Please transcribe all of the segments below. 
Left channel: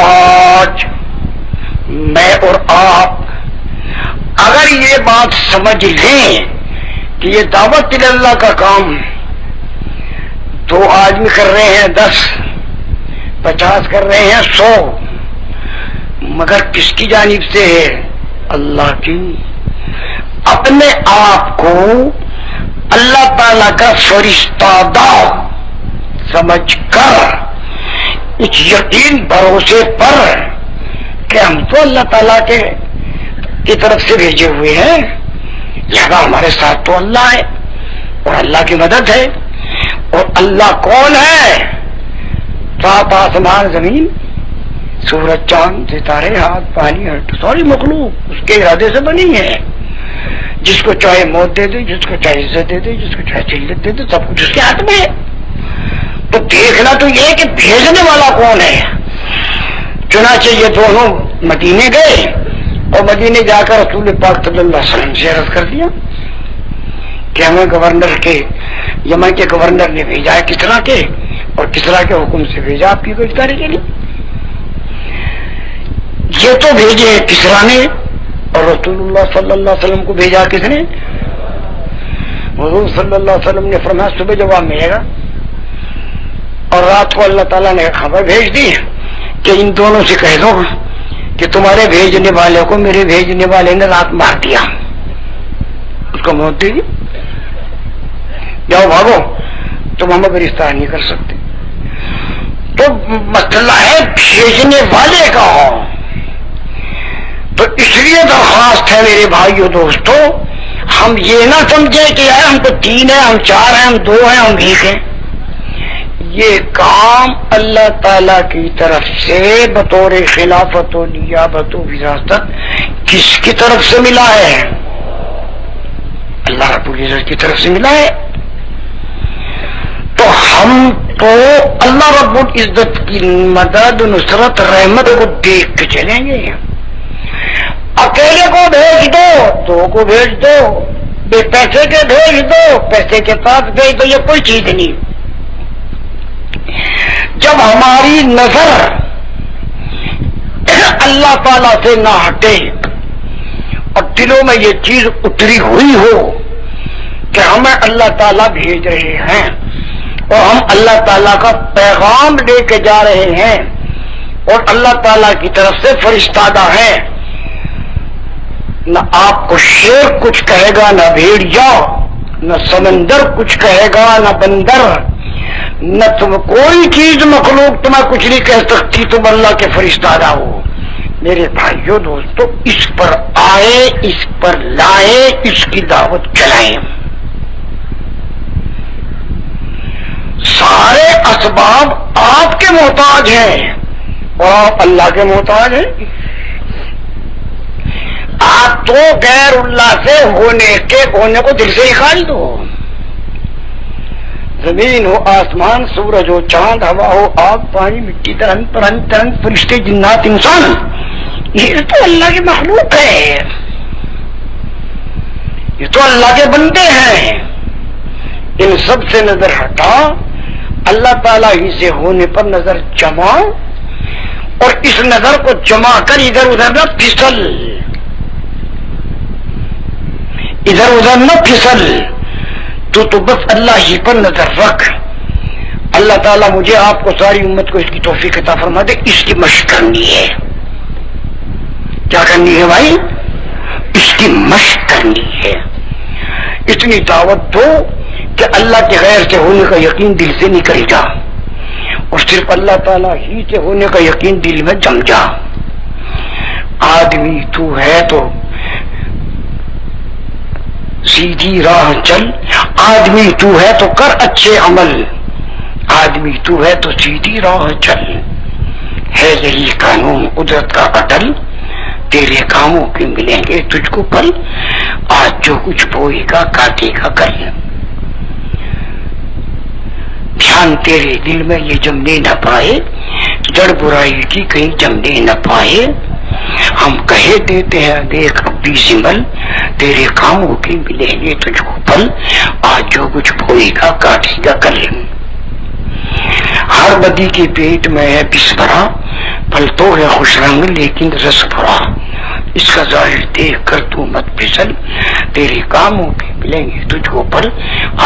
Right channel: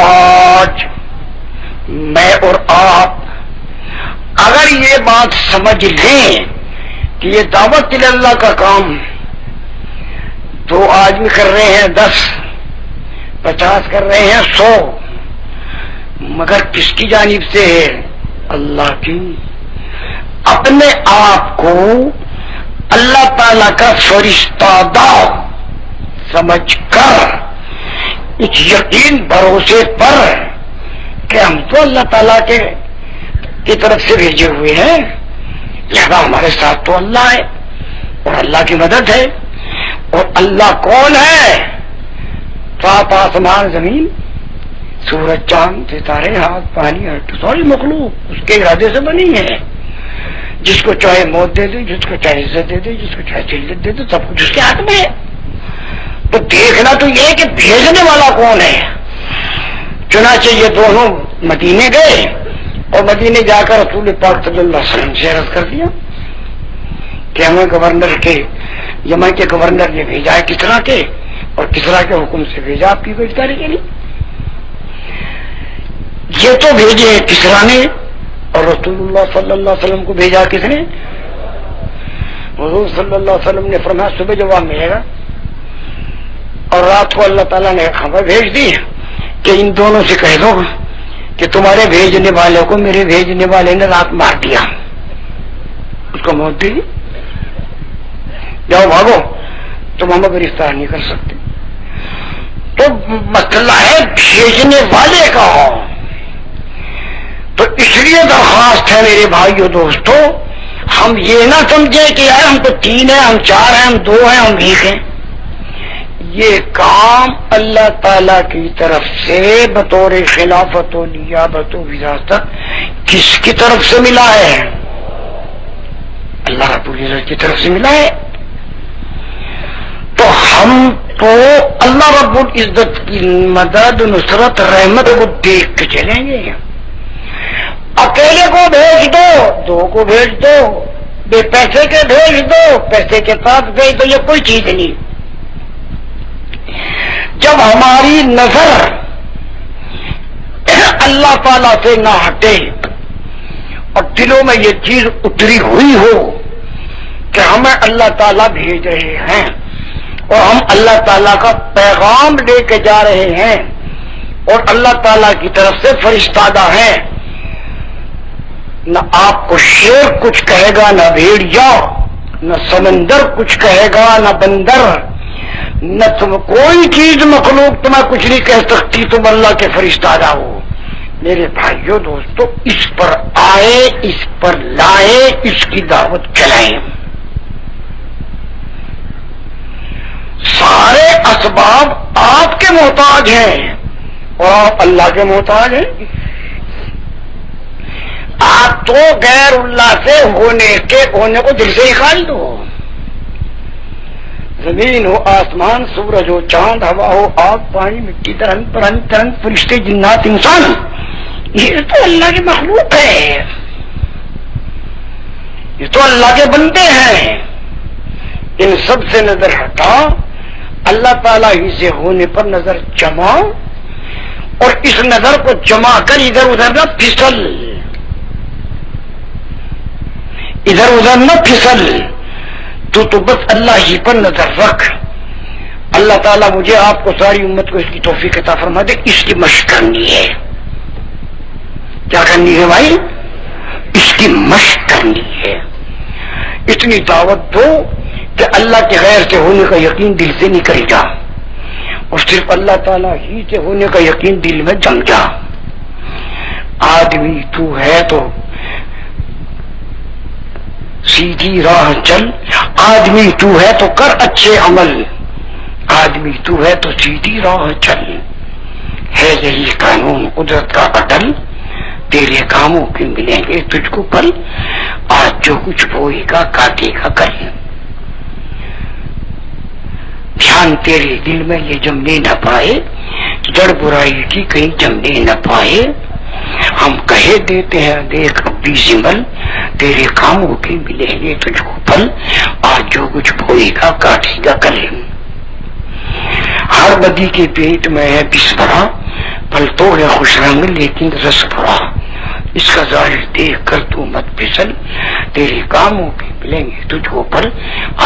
آج میں اور آپ اگر یہ بات سمجھ لیں کہ یہ دعوت اللہ کا کام 2 آدمی کر رہے ہیں 10 50 کر رہے ہیں 100 مگر کس کی جانب سے ہے؟ اللہ کی. اپنے آپ کو اللہ تعالی کا فرشتہ دار سمجھ کر اس یقین بھروسے پر کہ ہم تو اللہ تعالیٰ کی طرف سے بھیجے ہوئے ہیں، لہذا ہمارے ساتھ تو اللہ ہے اور اللہ کی مدد ہے. اور اللہ کون ہے؟ 7 آسمان زمین، سورج چاند ستارے ہاتھ پانی ساری مخلوق اس کے ارادے سے بنی ہے. جس کو چاہے موت دے دے، جس کو چاہے عزت دے دے، جس کو چاہے ذلت دے دے، سب کچھ اس کے ہاتھ میں ہے. تو دیکھنا تو یہ کہ بھیجنے والا کون ہے. چنانچہ یہ دونوں مدینے گئے اور مدینے جا کر رسول پاک صلی اللہ علیہ وسلم سے عرض کر دیا کہ ہمیں گورنر کے یمن کے گورنر نے بھیجا ہے کسرا کے، اور کسرا کے حکم سے بھیجا آپ کی گرفتاری کے لیے. یہ تو بھیجے کسرا نے اور رسول اللہ صلی اللہ علیہ وسلم کو بھیجا کس نے؟ حضور صلی اللہ علیہ وسلم نے فرمایا صبح جواب ملے گا، اور رات کو اللہ تعالیٰ نے خبر بھیج دی کہ ان دونوں سے کہہ دو کہ تمہارے بھیجنے والے کو میرے بھیجنے والے نے رات مار دیا، اس کو موت دے گی، جاؤ بھاگو، تم ہمیں گرفتار نہیں کر سکتے. تو مسئلہ ہے بھیجنے والے کا. تو اس لیے درخواست ہے میرے بھائیو دوستو، ہم یہ نہ سمجھے کہ یار ہم تو 3 ہیں، ہم 4 ہیں، ہم 2 ہیں، ہم 1 ہیں. یہ کام اللہ تعالی کی طرف سے بطور خلافت و نیابت و وراثت کس کی طرف سے ملا ہے؟ اللہ رب العزت کی طرف سے ملا ہے. تو ہم تو اللہ رب العزت کی مدد نصرت رحمت کو دیکھ کے چلیں گے. اکیلے کو بھیج دو، 2 کو بھیج دو، بے پیسے کے بھیج دو، پیسے کے ساتھ بھیج دو، یہ کوئی چیز نہیں. جب ہماری نظر اللہ تعالی سے نہ ہٹے اور دلوں میں یہ چیز اتری ہوئی ہو کہ ہمیں اللہ تعالیٰ بھیج رہے ہیں اور ہم اللہ تعالیٰ کا پیغام لے کے جا رہے ہیں اور اللہ تعالیٰ کی طرف سے فرشتہ ہیں، نہ آپ کو شیر کچھ کہے گا، نہ بھیڑیا، نہ سمندر کچھ کہے گا، نہ بندر، نہ تم کوئی چیز مخلوق تمہیں کچھ نہیں کہہ سکتی، تم اللہ کے فرشتہ ہو. میرے بھائیو دوستو، اس پر آئے، اس پر لائے، اس کی دعوت چلائیں. سارے اسباب آپ کے محتاج ہیں اور آپ اللہ کے محتاج ہیں. آپ تو غیر اللہ سے ہونے کو دل سے نکال دو. زمین ہو، آسمان، سورج ہو، چاند، ہوا ہو، آگ، پانی، مٹی، ترنگ، فرشتے، جنات، انسان، یہ تو اللہ کے مخلوق ہے، یہ تو اللہ کے بندے ہیں. ان سب سے نظر ہٹا، اللہ تعالیٰ ہی سے ہونے پر نظر جما، اور اس نظر کو جما کر ادھر ادھر نہ پھسل، ادھر ادھر نہ پھسل. تو بس اللہ ہی پر نظر رکھ. اللہ تعالیٰ مجھے آپ کو ساری امت کو اس کی توفیق عطا فرما دے. اس کی مشق کرنی ہے. کیا کرنی ہے بھائی؟ اس کی مشق کرنی ہے. اتنی دعوت دو کہ اللہ کے غیر کے ہونے کا یقین دل سے نکل جا اور صرف اللہ تعالیٰ ہی کے ہونے کا یقین دل میں جم جا. آدمی تو ہے تو سیدھی راہ چل، آدمی تو ہے تو کر اچھے عمل، آدمی تو ہے تو سیدھی راہ چل. ہے یہی قانون قدرت کا عدل، تیرے کاموں کے ملیں گے تجھ کو پھل. آج جو کچھ بوئے گا کاٹے گا کل. دھیان تیرے دل میں یہ جمنے نہ پائے، جڑ برائی کی کہیں جمنے نہ پائے. ہم کہے دیتے ہیں دیکھ ابھی سمبل، تیرے کاموں کی ملیں گے تجھ کو پھل. آج جو کچھ بوئے گا کاٹے گا کل. ہر بدی کے پیٹ میں ہے پس بھرا، پل تو ہے خوش رنگ لیکن رس بھرا، اس کا ظاہر دیکھ کر تو مت پھسل، تیرے کاموں کے ملیں گے تجھ کو پر،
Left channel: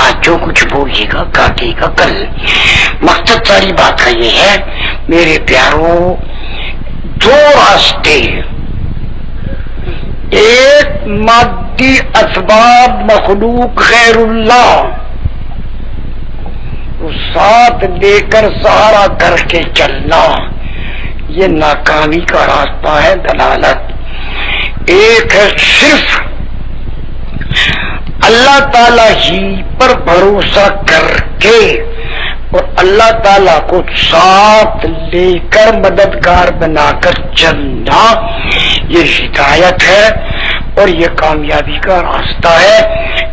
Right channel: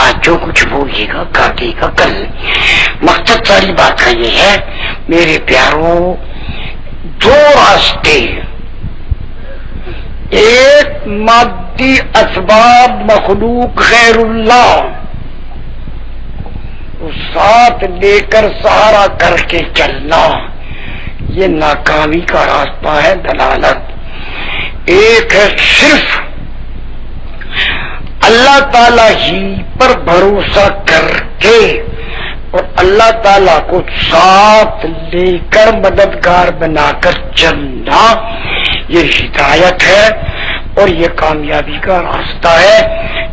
آج جو کچھ بولے گا کاٹے گا کل۔ مقصد ساری بات کا یہ ہے میرے پیاروں، دو راستے، ایک مادی اسباب مخلوق غیر اللہ تو ساتھ لے کر سہارا کر کے چلنا، یہ ناکامی کا راستہ ہے، دلالت۔ ایک ہے صرف اللہ تعالی ہی پر بھروسہ کر کے اور اللہ تعالیٰ کو ساتھ لے کر مددگار بنا کر چلنا، یہ ہدایت ہے اور یہ کامیابی کا راستہ ہے۔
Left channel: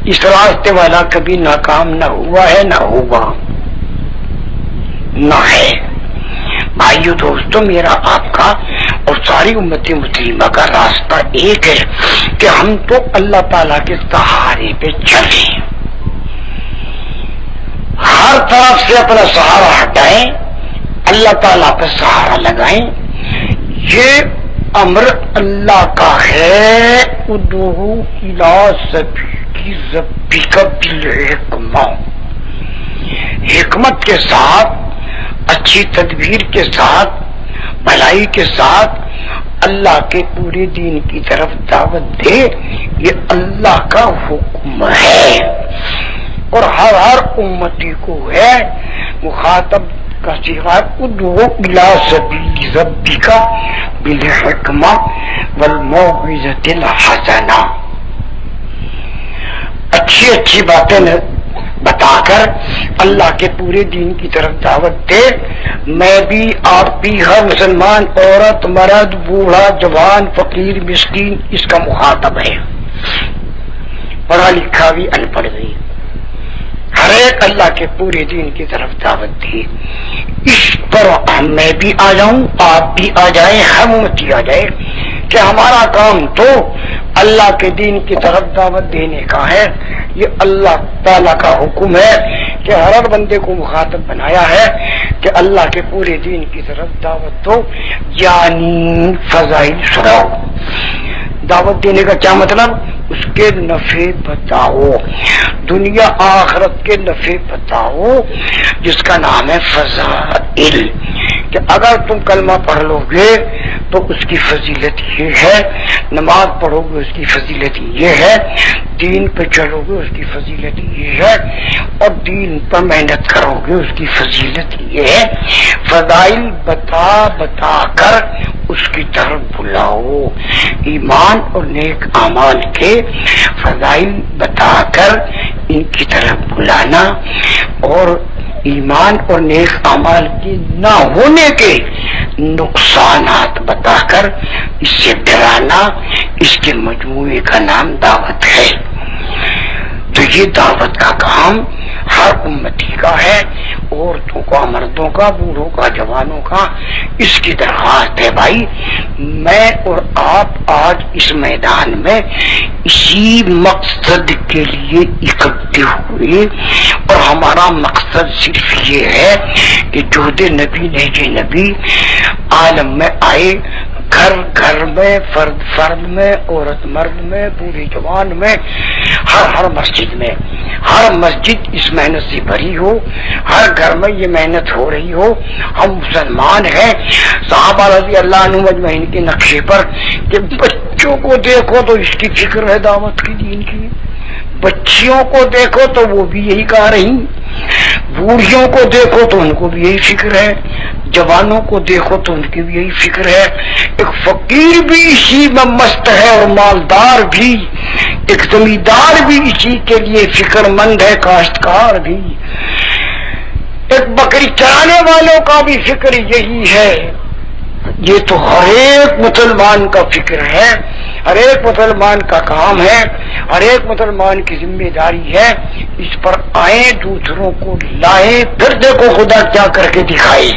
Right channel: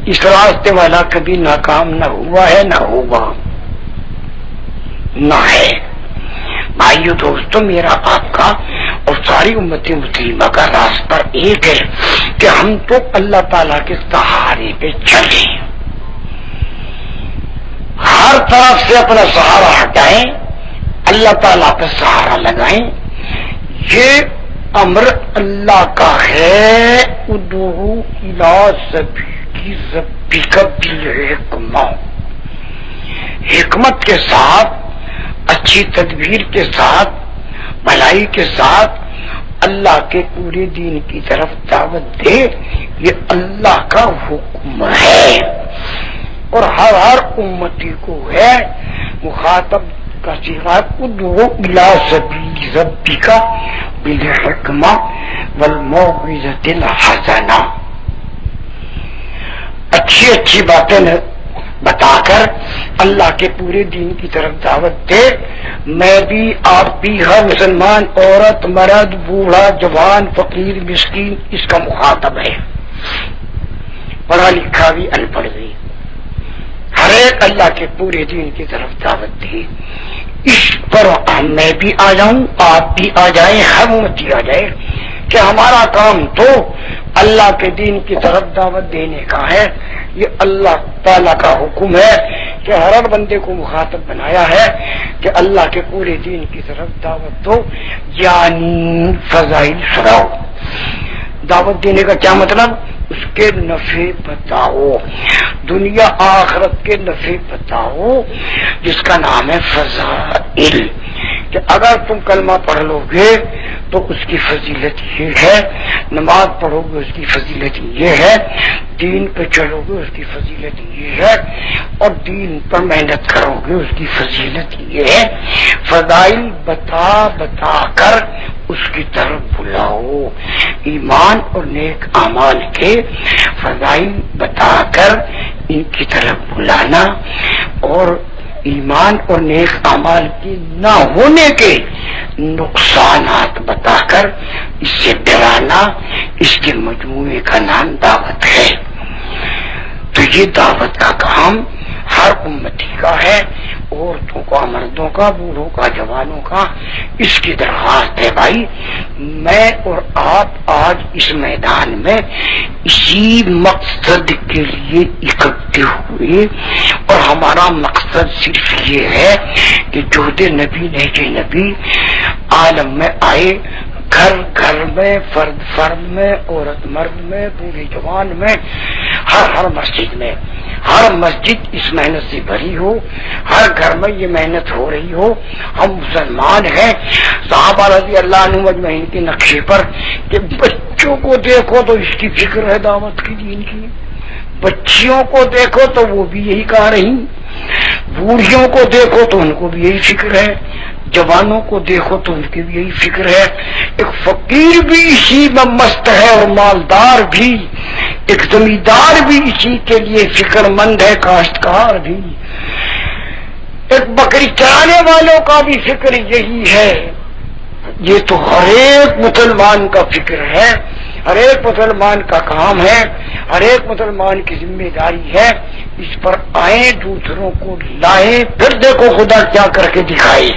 اس راستے والا کبھی ناکام نہ ہوا ہے، نہ ہوگا، نہ ہے۔ بھائیو دوستو، میرا آپ کا اور ساری امت مسلمہ کا راستہ ایک ہے کہ ہم تو اللہ تعالیٰ کے سہارے پہ چلیں، ہر طرف سے اپنا سہارا ہٹائیں، اللہ تعالیٰ پہ سہارا لگائیں۔ یہ امر اللہ کا ہے، ادعو الی سبیل ربک بالحکمہ، حکمت کے ساتھ، اچھی تدبیر کے ساتھ، بھلائی کے ساتھ اللہ کے پورے دین کی طرف دعوت دے، یہ اللہ کا حکم ہے اور ہر امتی کو ہے۔ مخاطب کا صیغہ ادعو الی سبیل ربک بالحکمہ والموعظۃ الحسنہ، اچھی اچھی باتیں بتا کر اللہ کے پورے دین کی طرف دعوت دے۔ میں بھی، آپ بھی، ہر مسلمان عورت مرد بوڑھا جوان فقیر مسکین اس کا مخاطب ہے، پڑھا لکھا بھی ان پڑھ بھی، ہر ایک اللہ کے پورے دین کی طرف دعوت دی۔ اس پر میں بھی آ جاؤں، آپ بھی آ جائیں، ہم امتی آ جائے کہ ہمارا کام تو اللہ کے دین کی طرف دعوت دینے کا ہے۔ یہ اللہ تعالیٰ کا حکم ہے کہ ہر ایک بندے کو مخاطب بنایا ہے کہ اللہ کے پورے دین کی طرف دعوت دو، یعنی فضائل سناؤ۔ دعوت دینے کا کیا مطلب؟ اس کے نفع بتاؤ، دنیا آخرت کے نفع بتاؤ، جس کا نام ہے فضائل۔ کہ اگر تم کلمہ پڑھ لو گے تو اس کی فضیلت یہ ہے، نماز پڑھو گے اس کی فضیلت یہ ہے، دین پہ چلو گے اس کی فضیلت یہ ہے، اور دین پر محنت کرو گے اس کی فضیلت یہ ہے۔ فضائل بتا بتا کر اس کی طرف بلاؤ، ایمان اور نیک اعمال کے فضائل بتا کر ان کی طرف بلانا، اور ایمان اور نیک اعمال کے نہ ہونے کے نقصانات بتا کر اس سے ڈرانا، اس کے مجموعے کا نام دعوت ہے۔ تو یہ دعوت کا کام ہر امتی کا ہے، عورتوں کا، مردوں کا، بوڑھوں کا، جوانوں کا۔ اس کی درخواست ہے بھائی، میں اور آپ آج اس میدان میں اسی مقصد کے لیے اکٹھے ہوئے، اور ہمارا مقصد صرف یہ ہے کہ جوہد نبی نہج نبی عالم میں آئے، گھر گھر میں، فرد فرد میں، عورت مرد میں، بوڑھی جوان میں، ہر مسجد میں، ہر مسجد اس محنت سے بھری ہو، ہر گھر میں یہ محنت ہو رہی ہو۔ ہم مسلمان ہیں، صحابہ رضی اللہ عنہ مجمعین کے نقشے پر کہ بچوں کو دیکھو تو اس کی فکر ہے دعوت کی، دین کی، بچیوں کو دیکھو تو وہ بھی یہی کہہ رہی، بوڑھیوں کو دیکھو تو ان کو بھی یہی فکر ہے، جوانوں کو دیکھو تو ان کی بھی یہی فکر ہے، ایک فقیر بھی اسی میں مست ہے اور مالدار بھی، ایک زمیندار بھی اسی کے لیے فکر مند ہے، کاشتکار بھی، ایک بکری چرانے والوں کا بھی فکر یہی ہے۔ یہ تو ہر ایک مسلمان کا فکر ہے، ہر ایک مسلمان کا کام ہے، ہر ایک مسلمان کی ذمہ داری ہے۔ اس پر آئیں، دوسروں کو لائیں، پھر دیکھو خدا کیا کر کے دکھائے۔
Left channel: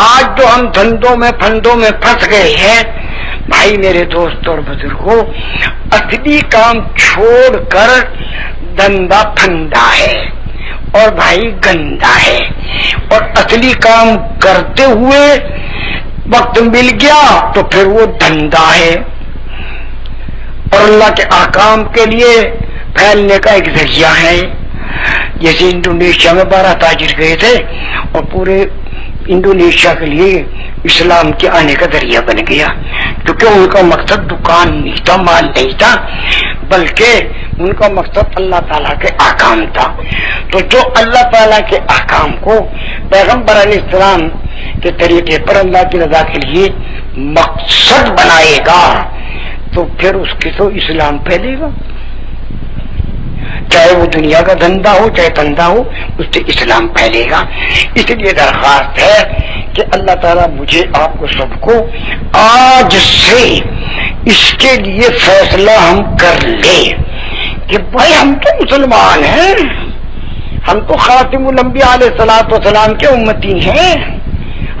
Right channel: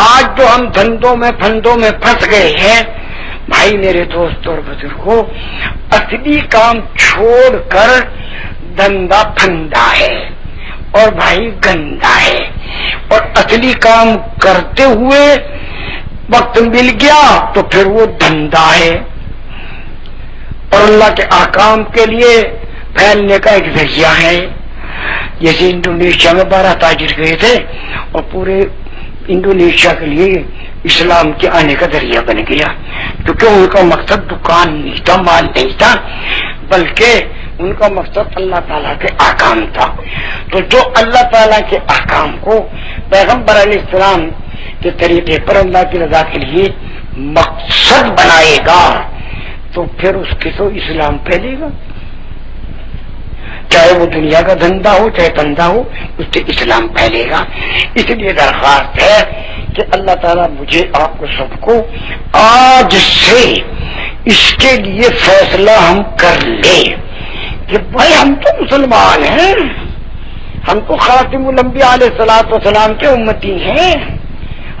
آج جو ہم دھندوں میں پھندوں میں پھنس گئے ہیں بھائی میرے دوست اور بزرگوں، اصلی کام چھوڑ کر دھندا پھندا ہے، اور بھائی گندا ہے، اور اصلی کام کرتے ہوئے وقت مل گیا تو پھر وہ دھندا ہے، اور اللہ کے احکام کے لیے پھیلنے کا ایک ذریعہ ہے۔ جیسے انڈونیشیا میں 12 تاجر گئے تھے اور پورے انڈونیشیا کے لیے اسلام کے آنے کا ذریعہ بن گیا، کیونکہ ان کا مقصد دکان نہیں تھا، مال نہیں تھا، بلکہ ان کا مقصد اللہ تعالیٰ کے احکام تھا۔ تو جو اللہ تعالیٰ کے احکام کو پیغمبر علیہ السلام کے طریقے پر اللہ کی رضا کے لیے مقصد بنائے گا تو پھر اس کے تو اسلام پھیلے گا، چاہے وہ دنیا کا دھندا ہو چاہے دھندا ہو، اس سے اسلام پھیلے گا۔ اس لیے درخواست ہے کہ اللہ تعالیٰ مجھے آپ کو سب کو آج سے اس کے لیے فیصلہ ہم کر لیں کہ بھائی ہم تو مسلمان ہیں، ہم تو خاتم الانبیاء علیہ الصلوۃ والسلام کے امتی ہیں،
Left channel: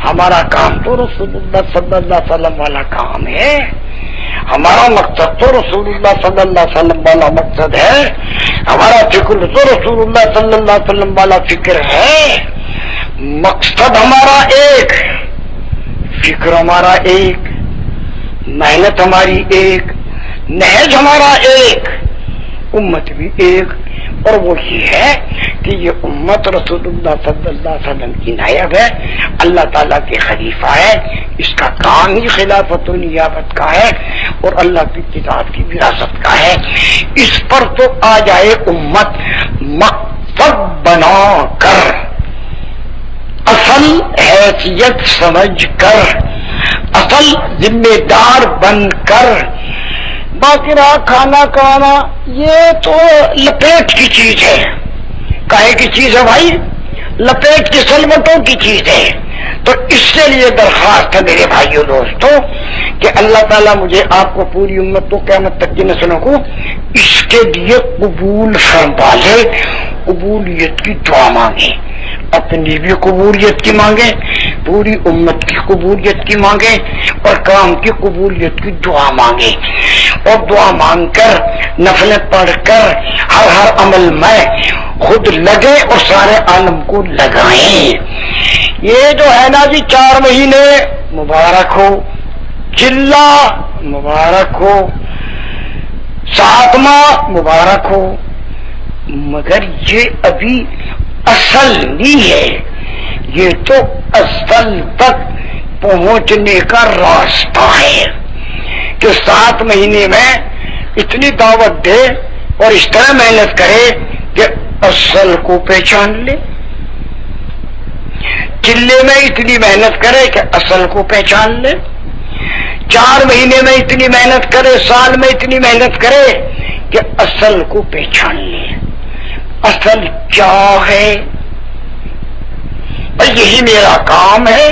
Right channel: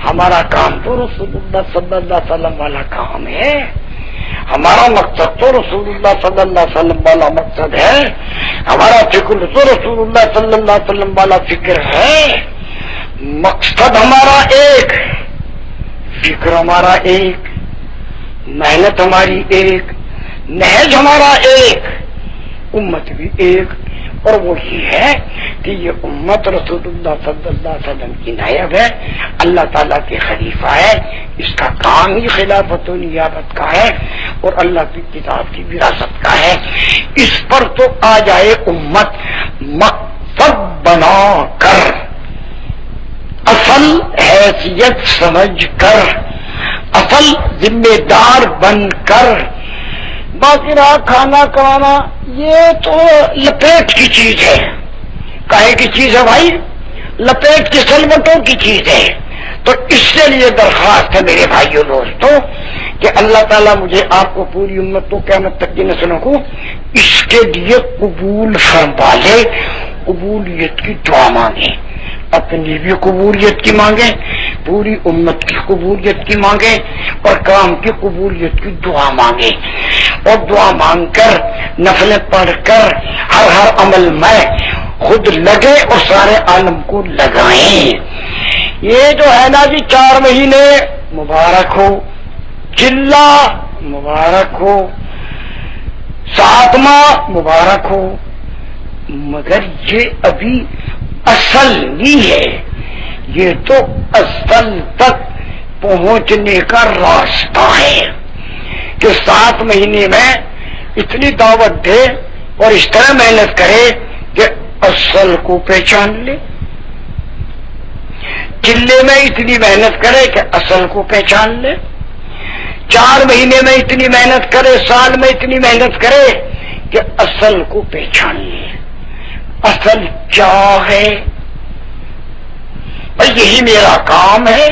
ہمارا کام تو رسول اللہ صلی اللہ علیہ وسلم والا کام ہے، ہمارا مقصد تو رسول اللہ صلی اللہ علیہ وسلم والا مقصد ہے، ہمارا فکر تو رسول اللہ صلی اللہ علیہ وسلم والا فکر ہے، مقصد ہمارا ایک، فکر ہمارا ایک، محنت ہماری ایک، نہج ہمارا ایک، امت بھی ایک، اور وہ یہ ہے کہ یہ امت رسول اللہ صلی اللہ علیہ وسلم کی نائب ہے، اللہ تعالیٰ کے خلیفہ ہے، اس کا کام ہی خلافت و نیابت کا ہے اور اللہ کی کتاب کی وراثت کا ہے۔ اس پر تو آ جائے امت مقصد بنا کر، اصل حیثیت سمجھ کر، اصل ذمہ دار بن کر۔ باقی رہا کھانا کھانا، یہ تو لپیٹ کی چیز ہے۔ کاہے کی چیز ہے بھائی؟ لپیٹ کی سلمٹوں کی چیز ہے۔ تو اس کے لیے درخواست ہے میرے بھائیوں دوستوں کہ اللہ تعالیٰ مجھے آپ کو پوری امت کو قیامت تک کی نسلوں کو اس کے لیے قبول فرما لے۔ قبولیت کی دعا مانگے، اپنی بھی قبولیت کی مانگیں، پوری امت کی قبولیت کی مانگیں، اور کام کی قبولیت کی دعا مانگیں، اور دعا مانگ کر نفلیں پڑھ کر ہر عمل میں خود لگے اور سارے عالم کو لگائیں۔ یہ جو ہے نا جی 4 مہینے مبارک ہو، چلہ مبارک ہو، 7 ماہ مبارک ہو، مگر یہ ابھی اصل نہیں ہے، یہ تو اصل تک پہنچنے کا راستہ ہے کہ 7 مہینے میں اتنی دعوت دے اور اس طرح محنت کرے کہ اصل کو پہچان لے، چلے میں اتنی محنت کرے کہ اصل کو پہچان لے، 4 مہینے میں اتنی محنت کرے، سال میں اتنی محنت کرے کہ اصل کو پہچان لے۔ اصل کیا ہے؟ یہی میرا کام ہے،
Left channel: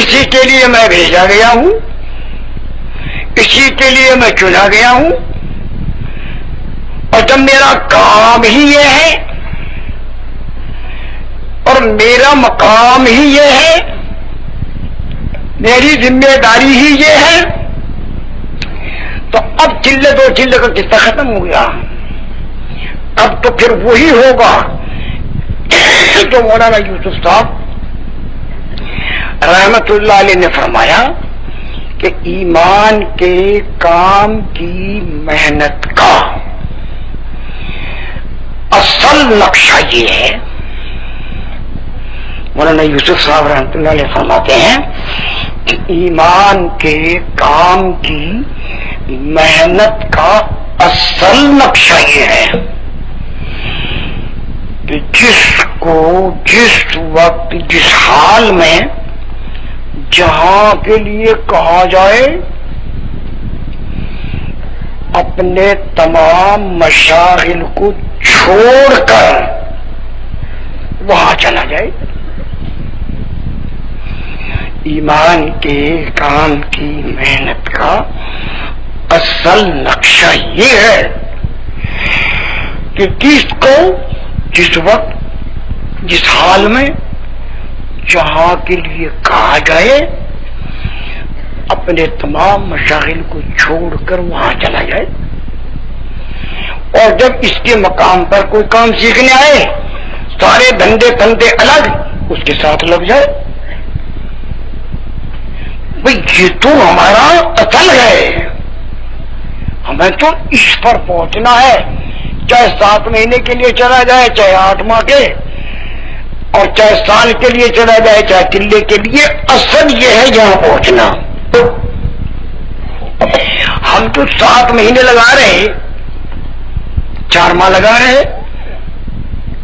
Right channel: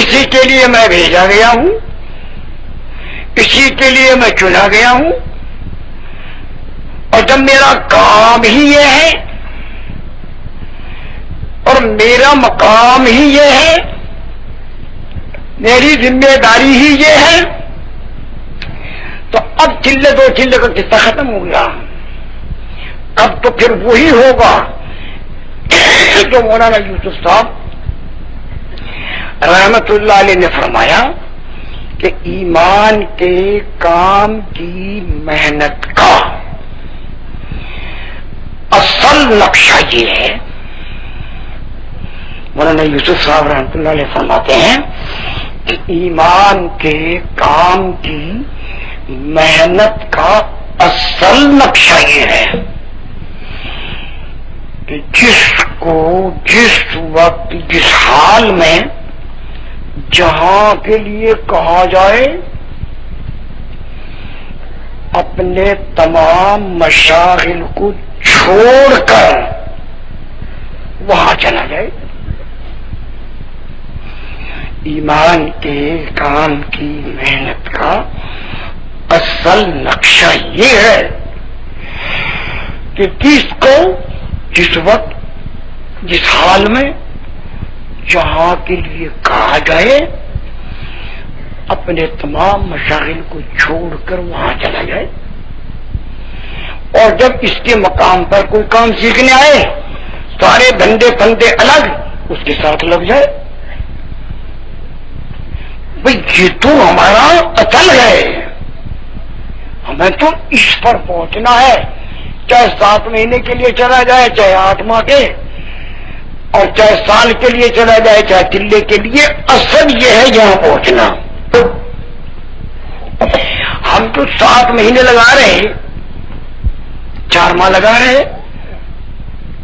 اسی کے لیے میں بھیجا گیا ہوں، اسی کے لیے میں چنا گیا ہوں، اور جب میرا کام ہی یہ ہے اور میرا مقام ہی یہ ہے، میری ذمہ داری ہی یہ ہے، تو اب چلے 2 چلے کا قصہ ختم ہو گیا۔ اب تو پھر وہی ہوگا جو مولانا یوسف صاحب رحمت اللہ علیہ نے فرمایا کہ ایمان کے کام کی محنت کا اصل نقشہ یہ ہے۔ مولانا یوسف صاحب رحمت اللہ علیہ فرماتے ہیں کہ ایمان کے کام کی محنت کا اصل نقشہ یہ ہے کہ جس کو جس وقت جس حال میں جہاں کے لیے کہا جائے اپنے تمام مشاغل کو چھوڑ کر وہاں چلا جائے۔ ایمان کے کام کی محنت کا اصل نقشہ یہ ہے کہ کس کو جس وقت جس حال میں جہاں کے لیے کہا جائے اپنے تمام مشاغل کو چھوڑ کر وہاں چلا جائے، اور جب اس کے مقام پر کوئی کام سیکھنے آئے سارے دھندے پندے الگ اس کے ساتھ لگ جائے. بھئی یہ تو ہمارا اصل ہے، ہمیں تو اس پر پہنچنا ہے، چاہے 7 مہینے کے لیے چلا جائے، چاہے 8 ماہ کے، اور چاہے سال کے لیے چلا جائے، چاہے چلے کے لیے، اصل یہ ہے یہاں پہنچنا. ہم تو 7 مہینے لگا رہے ہیں، 4 ماہ لگا رہے ہیں،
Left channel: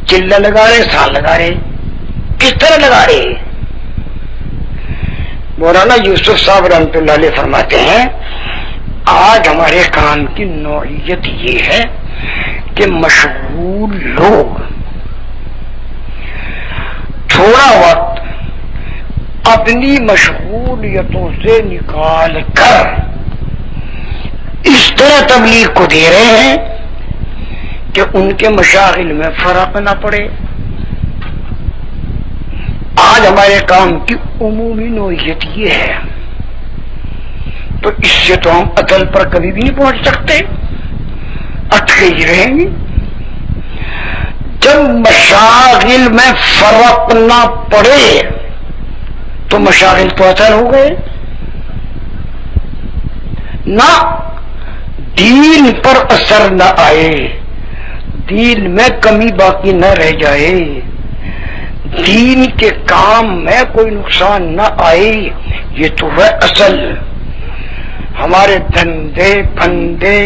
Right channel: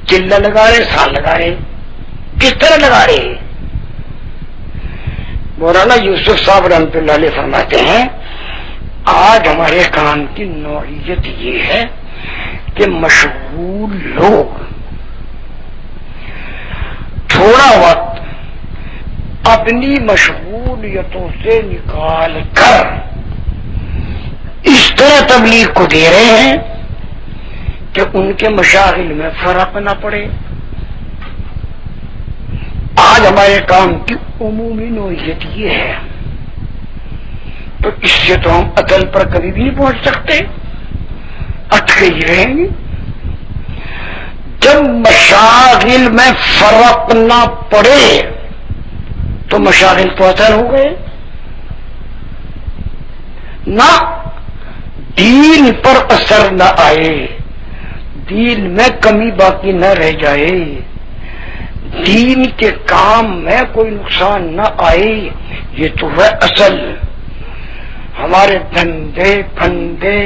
چلہ لگا رہے، سال لگا رہے. کس طرح لگا رہے؟ مولانا یوسف صاحب رحمۃ اللہ علیہ فرماتے ہیں آج ہمارے کام کی نوعیت یہ ہے کہ مشغول لوگ تھوڑا وقت اپنی مشغولیتوں سے نکال کر اس طرح تبلیغ کو دے رہے ہیں کہ ان کے مشاغل میں فرق نہ پڑے. آج ہمارے کام کی عمومی نوعیت یہ ہے، تو اس سے تو ہم عقل پر کبھی بھی نہیں پہنچ سکتے، اٹکے ہی رہیں گے. جب مشاغل میں فرق نہ پڑے تو مشاغل تو اثر ہو گئے، نہ دین پر اثر نہ آئے، دین میں کمی باقی نہ رہ جائے، دین کے کام میں کوئی نقصان نہ آئے. یہ تو ہے اصل. ہمارے دھندے پھندے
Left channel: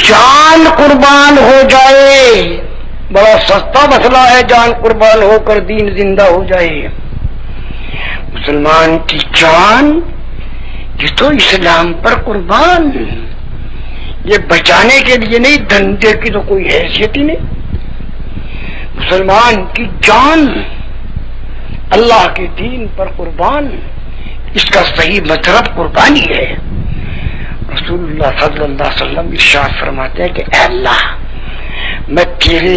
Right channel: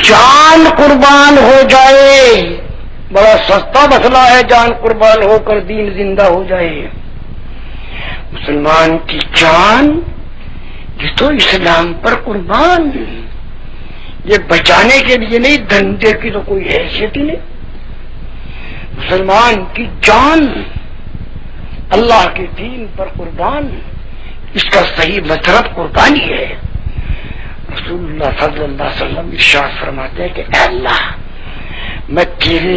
جان قربان ہو جائے، بڑا سستا مسئلہ ہے، جان قربان ہو کر دین زندہ ہو جائے. مسلمان کی جان یہ تو اسلام پر قربان، یہ بچانے کے لیے نہیں، دھندے کی تو کوئی حیثیت ہی نہیں. مسلمان کی جان اللہ کے دین پر قربان، اس کا صحیح مطلب قربانی ہے. رسول اللہ صلی اللہ علیہ وسلم ارشاد فرماتے ہیں کہ اے اللہ، میں تیرے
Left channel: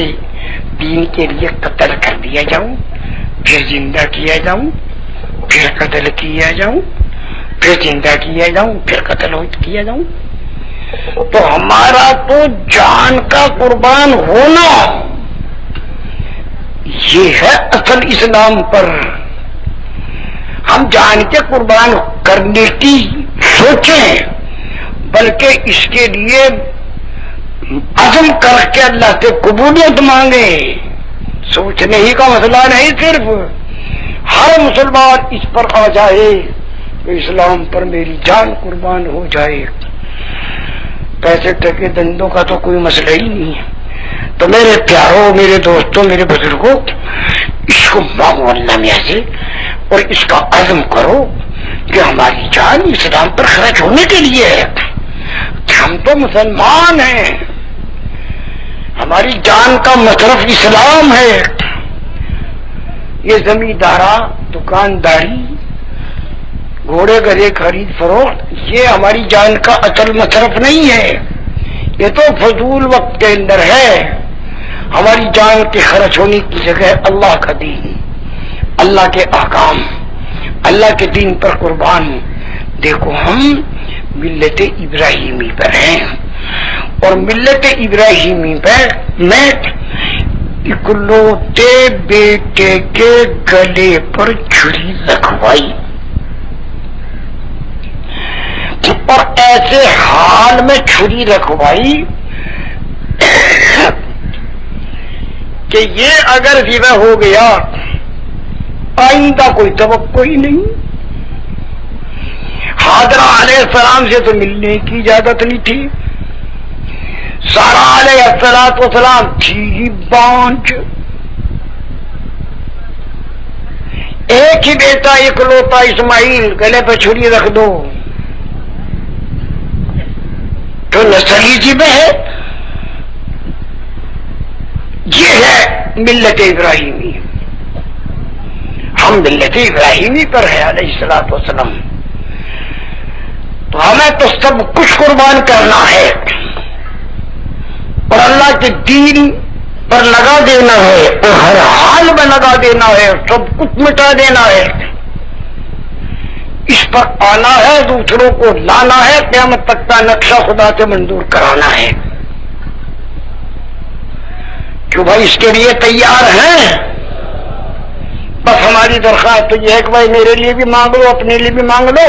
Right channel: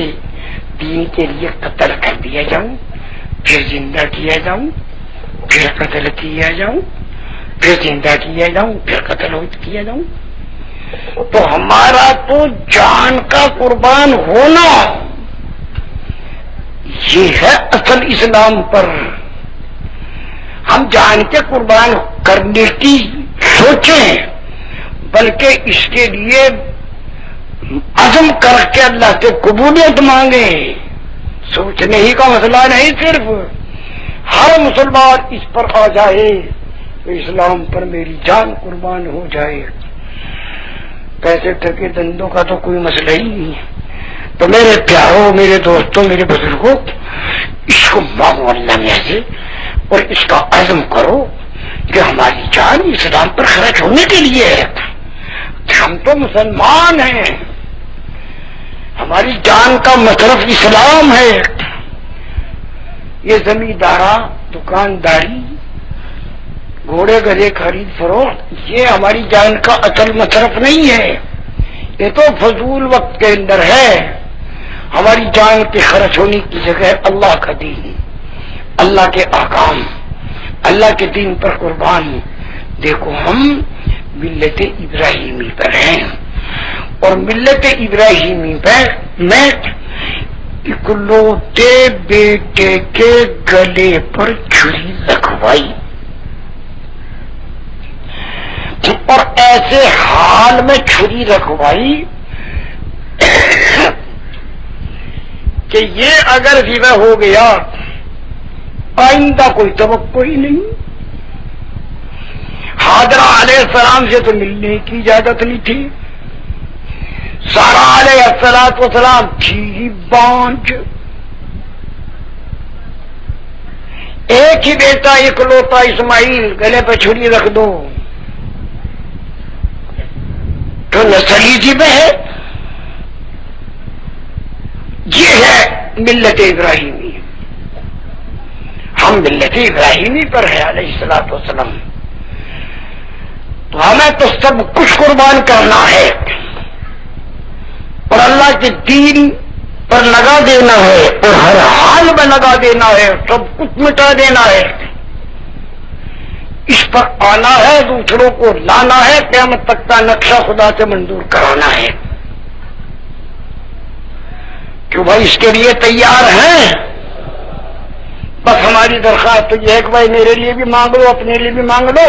دین کے لیے قتل کر دیا جاؤں، پھر زندہ کیا جاؤں، پھر قتل کیا جاؤں، پھر زندہ کیا جاؤں، پھر قتل کیا جاؤں. تو ہمارا تو جان کا قربان ہونا یہ ہے اصل اسلام پر. ہم جان کے قربان کرنے کی سوچیں، بلکہ اس کے لیے عزم کر کے اللہ سے قبولیت مانگیں. سوچنے ہی کا مسئلہ نہیں، صرف ہر مسلمان اس پر آ جائے تو اسلام پر میری جان قربان ہو جائے. پیسے ٹکے دندوں کا تو کوئی مسئلہ ہی نہیں ہے. تو میرے پیاروں، میرے دوستوں، میرے بزرگوں، اس کو مانگو اللہ میں سے، اور اس کا عزم کرو کہ ہماری جان اسلام پر خرچ ہونے کے لیے ہے. ہم تو مسلمان ہیں، ہماری جان کا مصرف اسلام ہے. یہ زمیندارا، دکانداری، گھوڑے گدھے خرید فروخت، یہ ہماری جان کا اصل مصرف نہیں ہے. یہ تو فضول وقت کے اندر ہے. ہماری جان کے خرچ ہونے کی جگہ اللہ کا دین، اللہ کے احکام، اللہ کے دین پر قربان. دیکھو ہم ملت ابراہیمی پر ہیں، اور ملت ابراہیمی پر میں اکلوتے بیٹے کے گلے پر چھری رکھوائی، اور ایسے حال میں چھری رکھوائی کہ یہ اگر ذبح ہو گیا آئندہ کوئی توقع ہی نہیں. حاضرہ علیہ السلام سے تو ملنے کی اجازت نہیں تھی. سارہ علیہ السلام تھی ہی بانجھ. ایک ہی بیٹا اکلوتا اسماعیل، گلے پہ چھری رکھ دو تو نسلی ذبح ہے. یہ ہے ملت ابراہیمی. ہم ملت ابراہیمی پر ہے علیہ الصلوۃ والسلام. تو ہمیں تو سب کچھ قربان کرنا ہے اور اللہ کے دین پر لگا دینا ہے، اور ہر حال میں لگا دینا ہے، سب کچھ مٹا دینا ہے. اس پر آنا ہے، دوسروں کو لانا ہے، قیامت تک کا نقشہ خدا سے منظور کرانا ہے. کہ بھائی اس کے لیے تیار ہیں؟ بس ہماری درخواست تو یہ ہے کہ بھائی میرے لیے بھی مانگ لو، اپنے لیے بھی مانگ لو،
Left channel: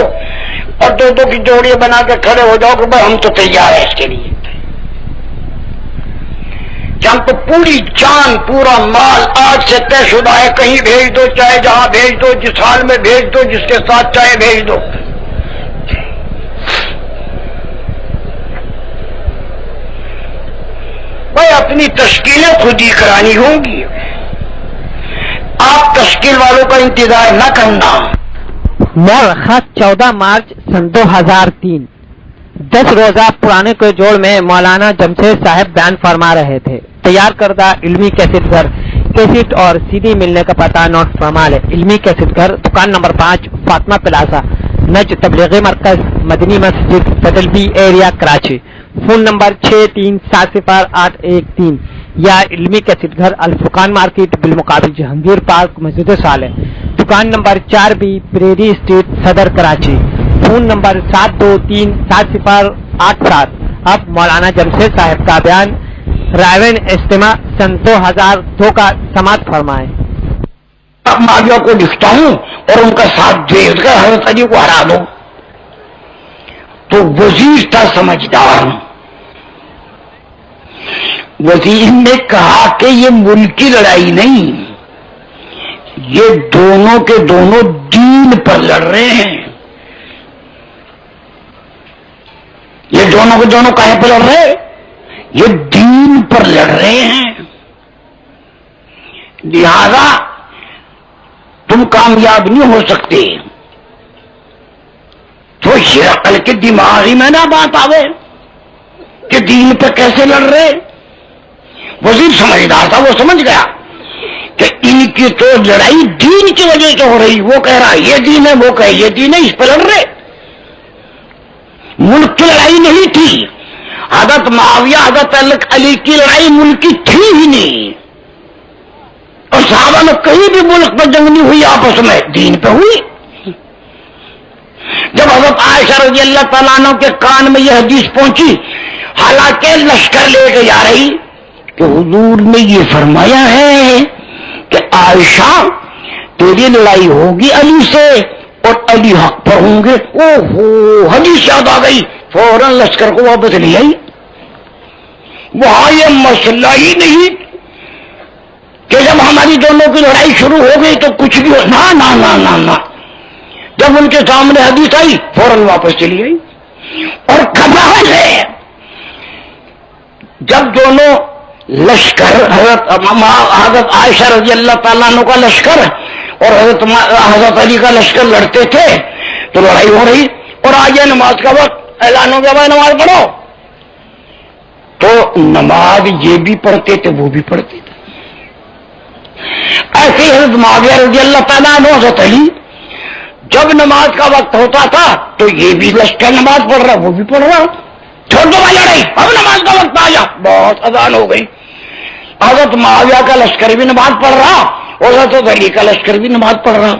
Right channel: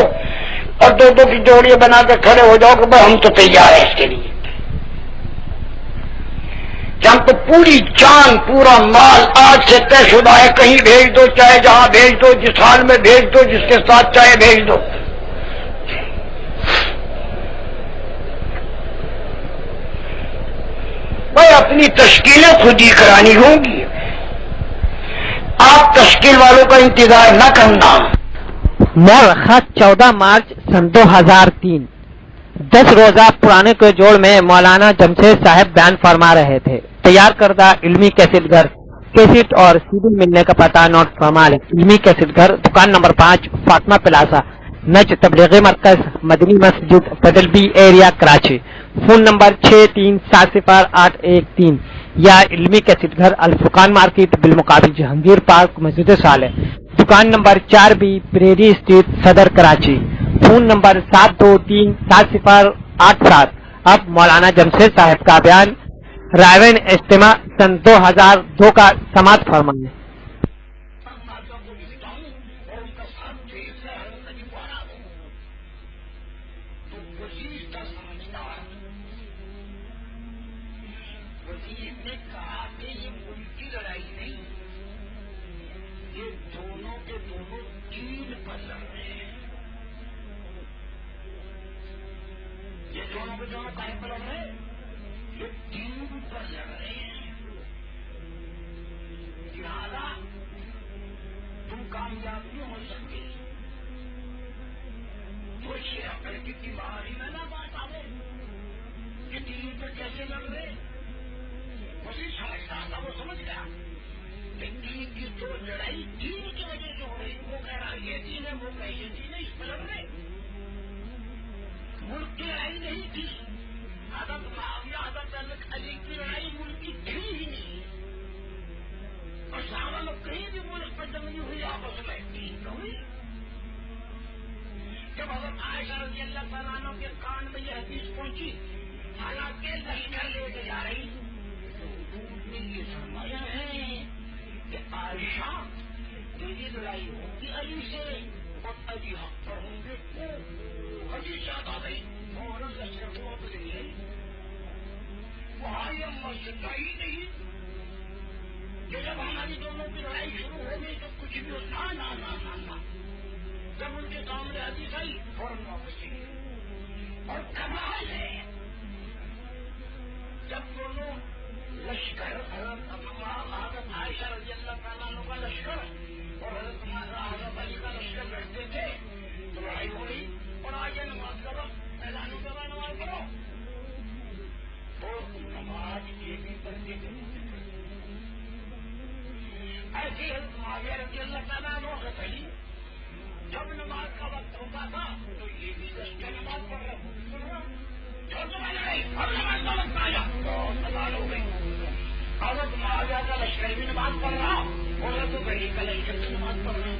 اور دو دو کی جوڑیاں بنا کے کھڑے ہو جاؤ کہ بھائی ہم تو تیار ہیں اس کے لیے، کہ ہم تو پوری جان پورا مال آج سے طے شدہ ہے، کہیں بھیج دو، چاہے جہاں بھیج دو، جس حال میں بھیج دو، جس کے ساتھ چاہے بھیج دو۔ بھائی اپنی تشکیلیں خود ہی کرانی ہوں گی، آپ تشکیل والوں کا انتظار نہ کرنا۔ مورخہ 14 مارچ سن 2003 10 روزہ پرانے کے جوڑ میں مولانا جمشید صاحب بیان فرما رہے تھے۔ تیار کردہ علمی کیسٹ گھر، کیسٹ اور سی ڈی ملنے کا پتہ نوٹ فرما لیں۔ علمی کیسٹ گھر، دکان نمبر 5، فاطمہ پلازا، نج تبلیغی مرکز، مدنی مسجد، feudal be area, Karachi. Phone number 63700813 یا علمی کیسٹ گھر، الفرقان مارکیٹ، بالمقابل جہانگیر پارک، مسجد صالح، دکان نمبر 4B، پریری اسٹریٹ، صدر، کراچی۔ Phone number 72370887۔ اب مولانا جمشید صاحب کا بیان رائے اجتماع سن 2002 کا سماعت فرمائیں۔ اب معاویہ کو لکھتا ہوں اور ان کا ساتھ بھیج کر حضرت علی کو ہرا دو، تو وزیر تھا سمجھدار، وزیر نے کہا کہ یہ ملکی لڑائی نہیں، یہ دونوں کے دونوں دین پر لڑ رہے ہیں، یہ دونوں کے دونوں کہیں پر لڑ رہے ہیں؟ یہ دین پر لڑ رہے ہیں، لہذا تم کامیاب نہیں ہو سکتے۔ تو ہرقل کے دماغ ہی میں نہ بات آوے کہ دین پہ کیسے لڑ رہے۔ وزیر سمجھدار تھا، وہ سمجھ گیا کہ ان کی تو لڑائی دین کی وجہ سے ہو رہی، وہ کہہ رہا یہ دین ہے، وہ کہے یہ دین ہے، اس پہ لڑ رہے۔ ملک کی لڑائی نہیں تھی، حضرت معاویہ حضرت علی کی لڑائی ملک کی تھی ہی نہیں، اور صحابہ میں کہیں بھی ملک پر جنگ نہیں ہوئی، آپس میں دین پہ ہوئی۔ جب حضرت عائشہ رضی اللہ تعالیٰ عنہ کے کان میں یہ حدیث پہنچی، حالانکہ لشکر لے کے جا رہی، کہ حضور نے یہ فرمایا ہے کہ عائشہ تیری لڑائی ہوگی علی سے اور علی حق پر ہوں گے، اوہو حدیث یاد آ گئی، فوراً لشکر کو واپس لے آئی۔ وہاں یہ مسئلہ ہی نہیں کہ جب ہماری دونوں کی لڑائی شروع ہو گئی تو کچھ بھی ہو، نا نا نا نا نا، جب ان کے سامنے حدیث آئی فوراً واپس چلی گئی۔ اور کمال ہے، جب دونوں لشکر حضرت عائشہ رضی اللہ تعالیٰ عنہ کا لشکر اور حضرت علی کا لشکر لڑتے تھے تو لڑائی ہو رہی، اور آج نماز کا وقت، اعلان ہو گیا بھائی نماز پڑھو، تو نماز یہ بھی پڑھتے تھے وہ بھی پڑھتے تھے۔ ایسے ہی حضرت معاویہ رضی اللہ تعالیٰ عنہ حضرت علی جب نماز کا وقت ہوتا تھا تو یہ بھی لشکر نماز پڑھ رہا وہ بھی پڑھ رہا، چھوڑ دو بھائی لڑائی، اب نماز کا وقت آ جا، بہت اذان ہو گئی، حضرت معاویہ کا لشکر بھی نماز پڑھ رہا اور حضرت علی کا لشکر بھی نماز پڑھ رہا،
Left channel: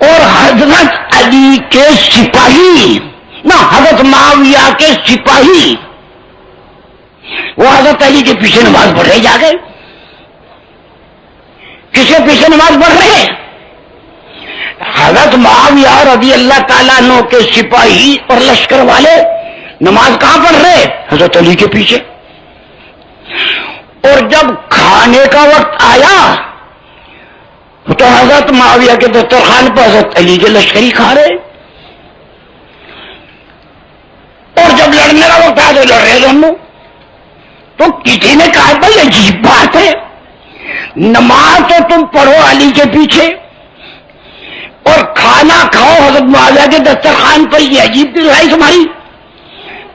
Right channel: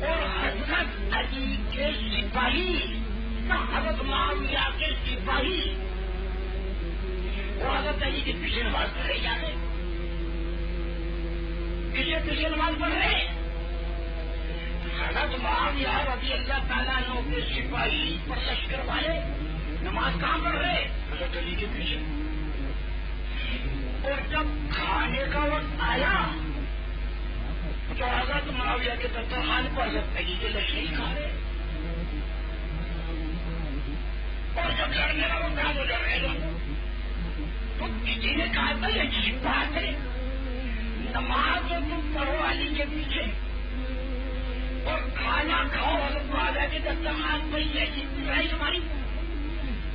اور حضرت علی کے سپاہی نہ حضرت معاویہ کے سپاہی وہ حضرت علی کے پیچھے نماز پڑھ رہے، جا گئے کس کے پیچھے نماز پڑھ رہے؟ حضرت معاویہ رضی اللہ تعالیٰ عنہ کے سپاہی اور لشکر والے نماز کہاں پڑھ رہے؟ حضرت علی کے پیچھے۔ اور جب کھانے کا وقت آیا تو حضرت معاویہ کے دسترخوان پر حضرت علی کے لشکری کھا رہے، اور جب لڑنے کا وقت آیا تو لڑ رہے دونوں۔ تو کسی نے کہا بھائی عجیب بات ہے، نماز تو تم پڑھو علی کے پیچھے اور کھانا کھاؤ حضرت معاویہ کے دسترخوان پر، یہ عجیب لڑائی تمہاری۔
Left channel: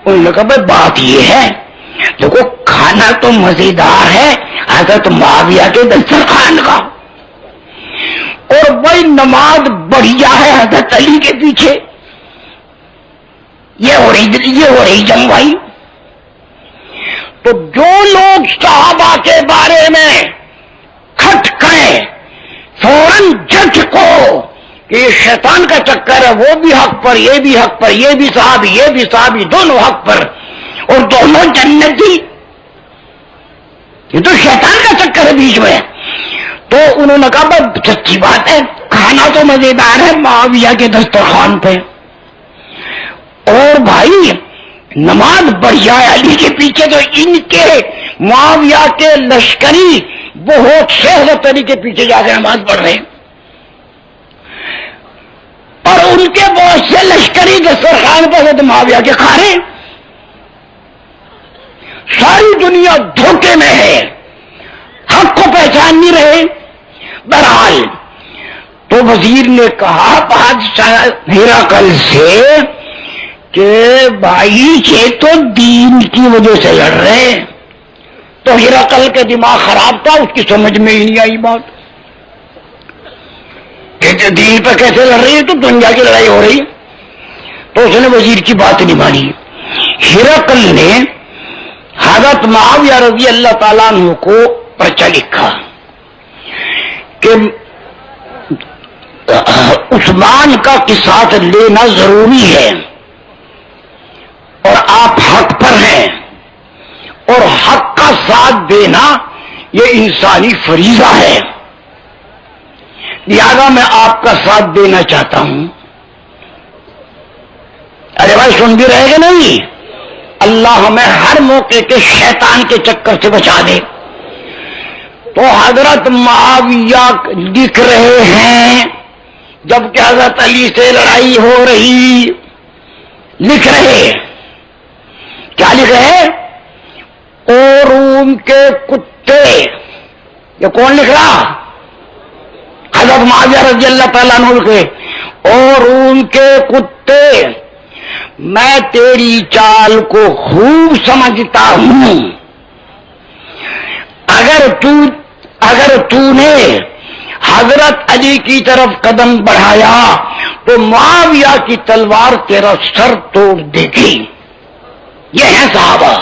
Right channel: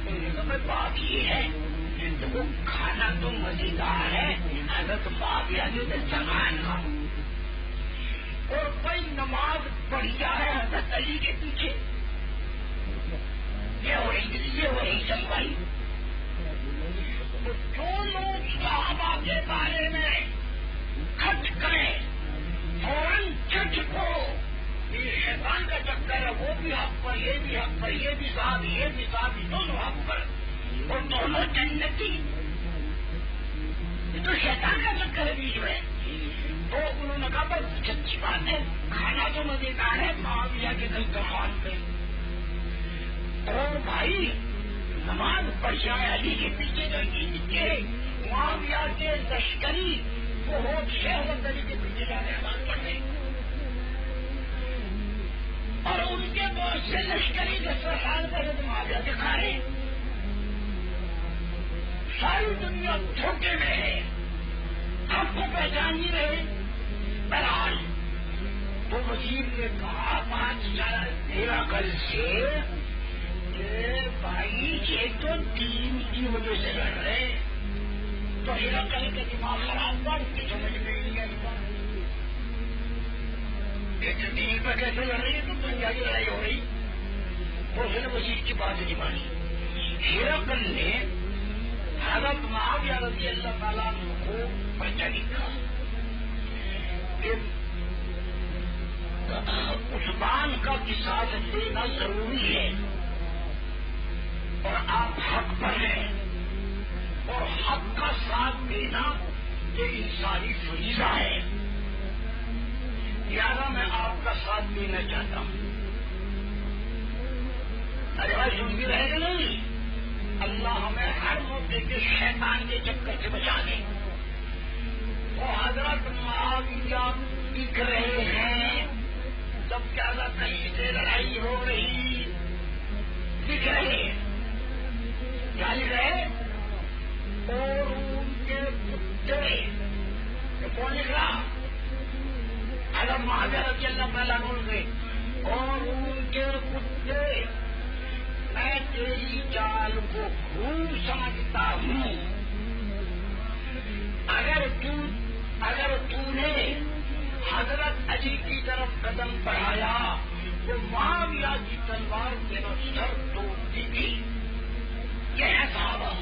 انہوں نے کہا بھائی بات یہ ہے، دیکھو کھانا تو مزیدار ہے حضرت معاویہ کے دسترخوان کا، اور بھائی نماز بڑھیا ہے حضرت علی کے پیچھے، یہ ہو رہی جنگ بھائی۔ تو جو لوگ صحابہ کے بارے میں کھٹکیں فوراً جج کو کہ یہ شیطان کا چکر ہے، وہ بھی حق پر، یہ بھی حق پر، یہ بھی صحابی دونوں حق پر اور دونوں جنتی، یہ تو شیطان کا چکر ہے بیچ میں. تو انہوں نے کہا بس سچی بات ہے، کھانا تو مزیدار ہے معاویہ کے دسترخوان پہ، اور بھائی نماز بڑھیا ہے علی کے پیچھے، تو ان کے معاویہ کے لشکری بہت شہرت علی کے پیچھے جا کے نماز پڑھ رہے ہیں، اور ان کے بہت سے لشکری دسترخوان پر حضرت معاویہ کے کھا رہے ہیں. ساری دنیا دھوکے میں ہے، حق کو پہچان نہیں رہے. بہرحال تو وزیر نے کہا بادشاہ ہرقل سے کہ بھائی یہ تو دین کی وجہ سے لڑ رہے ہیں. تو ہرقل کے دماغ خراب تھا، اس کی سمجھ میں ہی نہیں آئی بات کہ دین پر کیسے لڑ رہی ہے، تو دنیا کی لڑائی ہو رہی. تو اس نے وزیر کی بات نہیں مانی. ہرقل نے حضرت معاویہ رضی اللہ تعالیٰ عنہ کو پرچہ لکھا کہ عثمان کا قصاص لینا ضروری ہے، اور آپ حق پر ہیں، اور حق کا ساتھ دینا یہ انسانی فریضہ ہے، لہذا میں آپ کا ساتھ دینا چاہتا ہوں. ارے بھائی سن بھی رہے گا نہیں؟ اللہ ہمیں ہر موقع کے شیطان کے چکر سے بچا دے. تو حضرت معاویہ لکھ رہے ہیں جبکہ حضرت علی سے لڑائی ہو رہی، لکھ رہے کیا لکھ رہے؟ او روم کے کتے. یہ کون لکھ رہا؟ حضرت معاویہ رضی اللہ تعالیٰ عنہ کے. او روم کے کتے، میں تیری چال کو خوب سمجھتا ہوں. اگر تو نے حضرت علی کی طرف قدم بڑھایا تو معاویہ کی تلوار تیرا سر توڑ دے گی. یہ ہیں صحابہ.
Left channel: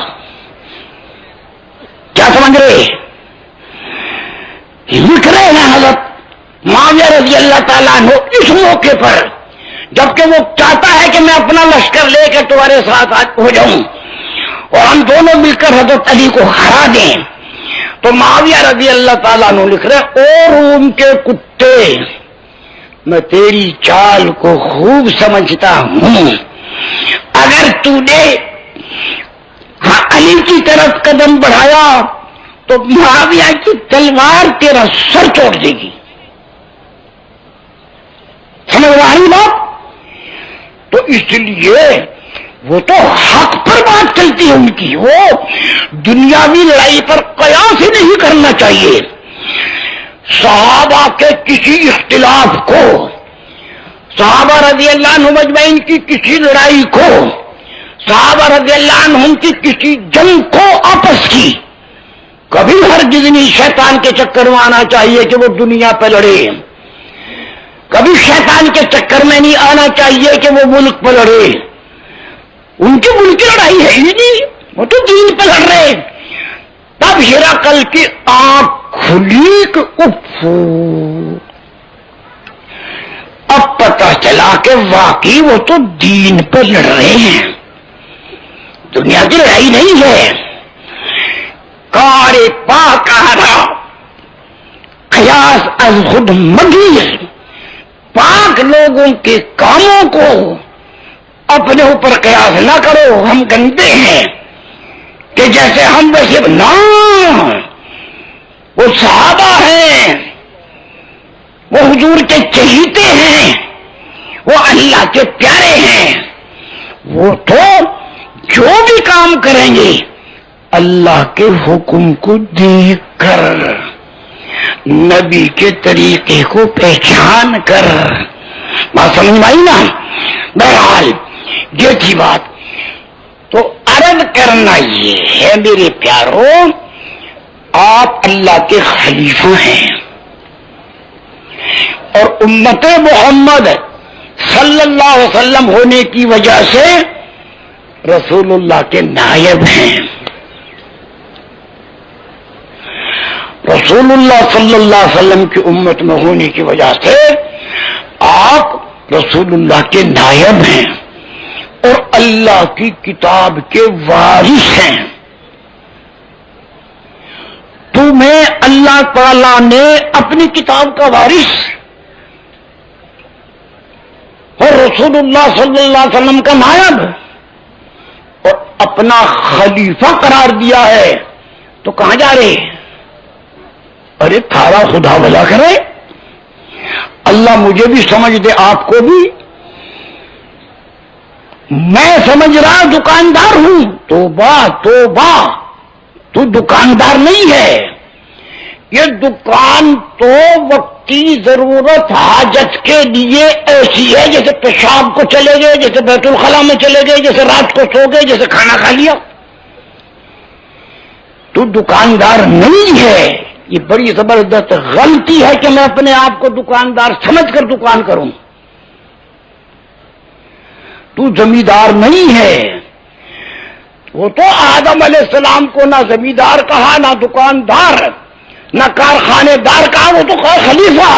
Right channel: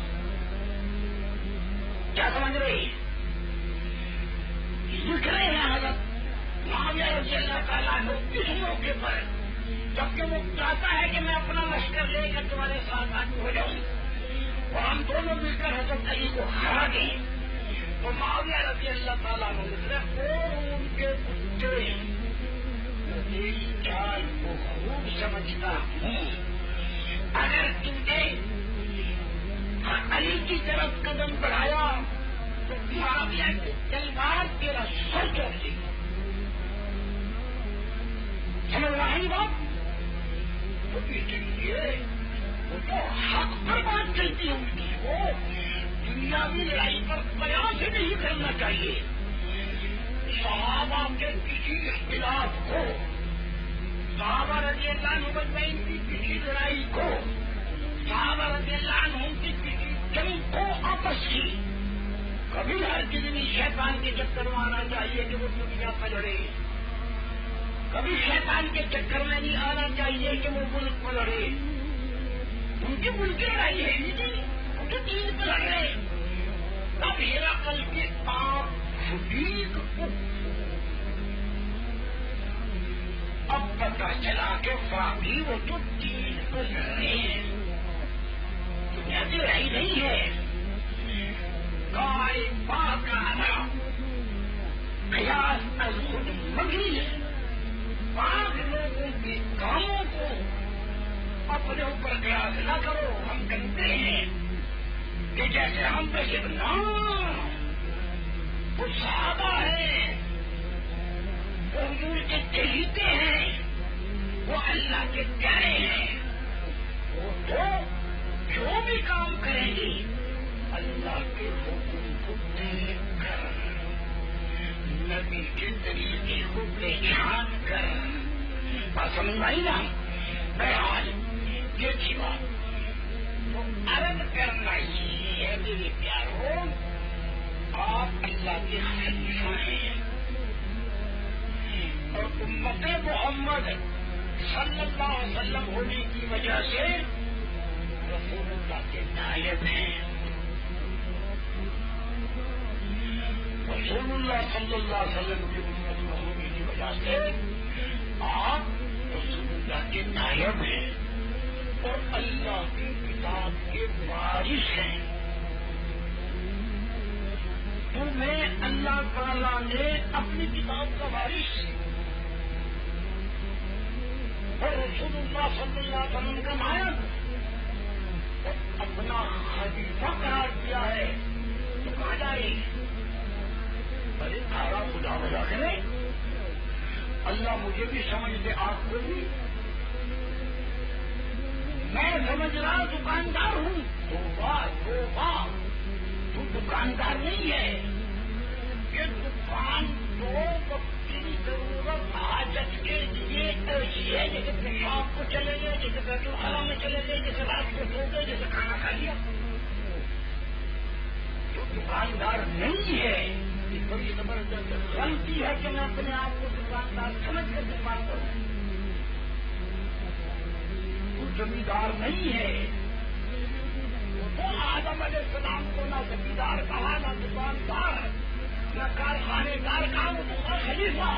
کیا سمجھ رہے؟ لکھ رہے ہیں حضرت معاویہ رضی اللہ تعالیٰ عنہ اس موقع پر جبکہ وہ چاہتا ہے کہ میں اپنا لشکر لے کے تمہارے ساتھ ہو جاؤں اور ہم دونوں مل کر حضرت علی کو ہرا دیں. تو معاویہ رضی اللہ تعالیٰ عنہ لکھ رہے او روم کے کتے، میں تیری چال کو خوب سمجھتا ہوں. اگر تو نے علی کی طرف قدم بڑھایا تو معاویہ کی تلوار تیرا سر توڑ دے گی. سمجھ رہی بات؟ تو اس لیے وہ تو حق پر بات چلتی ہے ان کی، وہ دنیاوی لڑائی پر قیاس ہی نہیں کرنا چاہیے. صحابہ کے کسی اختلاف کو، صحابہ رضی اللہ عنہ مجمعین کی کسی لڑائی کو، صحابہ رضی اللہ عنہ کی کسی جنگ کو آپس کی کبھی ہرگز نہیں شیطان کے چکر میں آنا چاہیے کہ وہ دنیا پہ لڑے. کبھی شیطان کے چکر میں نہیں آنا چاہیے کہ وہ ملک پہ لڑے. ان کی ملک کی لڑائی ہے ہی نہیں، وہ تو دین پہ لڑ رہے. تب ہرقل کی آنکھ کھلی کہ اب پتہ چلا کہ واقعی وہ تو دین پہ لڑ رہے ہیں، دنیا کی لڑائی نہیں ہے. کار پاک آرا قیاس از خود مگیر. پاک لوگوں کے کاموں کو اپنے اوپر قیاس نہ کرو، ہم گندے ہیں کہ جیسے ہم ویسے نہ. وہ صحابہ ہیں، وہ حضور کے چہیتے ہیں، وہ اللہ کے پیارے ہیں. وہ تو جو بھی کام کریں گے اللہ کے حکم کو دیکھ کر، نبی کے طریقے کو پہچان کر. بات سمجھ میں آئی نا؟ بہرحال یہ تھی بات. تو عرض کرنا یہ ہے میرے پیاروں، آپ اللہ کے خلیفہ ہیں اور امت محمد صلی اللہ علیہ وسلم ہونے کی وجہ سے رسول اللہ کے نائب ہیں. رسول اللہ صلی اللہ علیہ وسلم کی امت میں ہونے کی وجہ سے آپ رسول اللہ کے نائب ہیں اور اللہ کی کتاب کے وارث ہیں. تمہیں اللہ تعالی نے اپنی کتاب کا وارث اور رسول اللہ صلی اللہ علیہ وسلم کا نائب اور اپنا خلیفہ قرار دیا ہے، تو کہاں جا رہے؟ ارے تھارا خدا بھلا کرے، اللہ مجھے بھی سمجھ دے، آپ کو بھی۔ میں سمجھ رہا دکاندار ہوں، توبہ توبہ، تو دکاندار نہیں ہے، یہ دکان تو وقتی ضرورت حاجت کے لیے ایسی ہے جیسے پیشاب کو چلے گئے، جیسے بیت الخلا میں چلے گئے، جیسے رات کو سو گئے، جیسے کھانا کھا لیا۔ تو دکاندار نہیں ہے۔ یہ بڑی زبردست غلطی ہے کہ میں اپنے آپ کو دکاندار سمجھ کر دکان کروں۔ تو زمیندار نہیں ہے۔ وہ تو آدم علیہ السلام کو نہ زمیندار کہا، نہ دکاندار، نہ کارخانے دار کہا، وہ تو کہا خلیفہ۔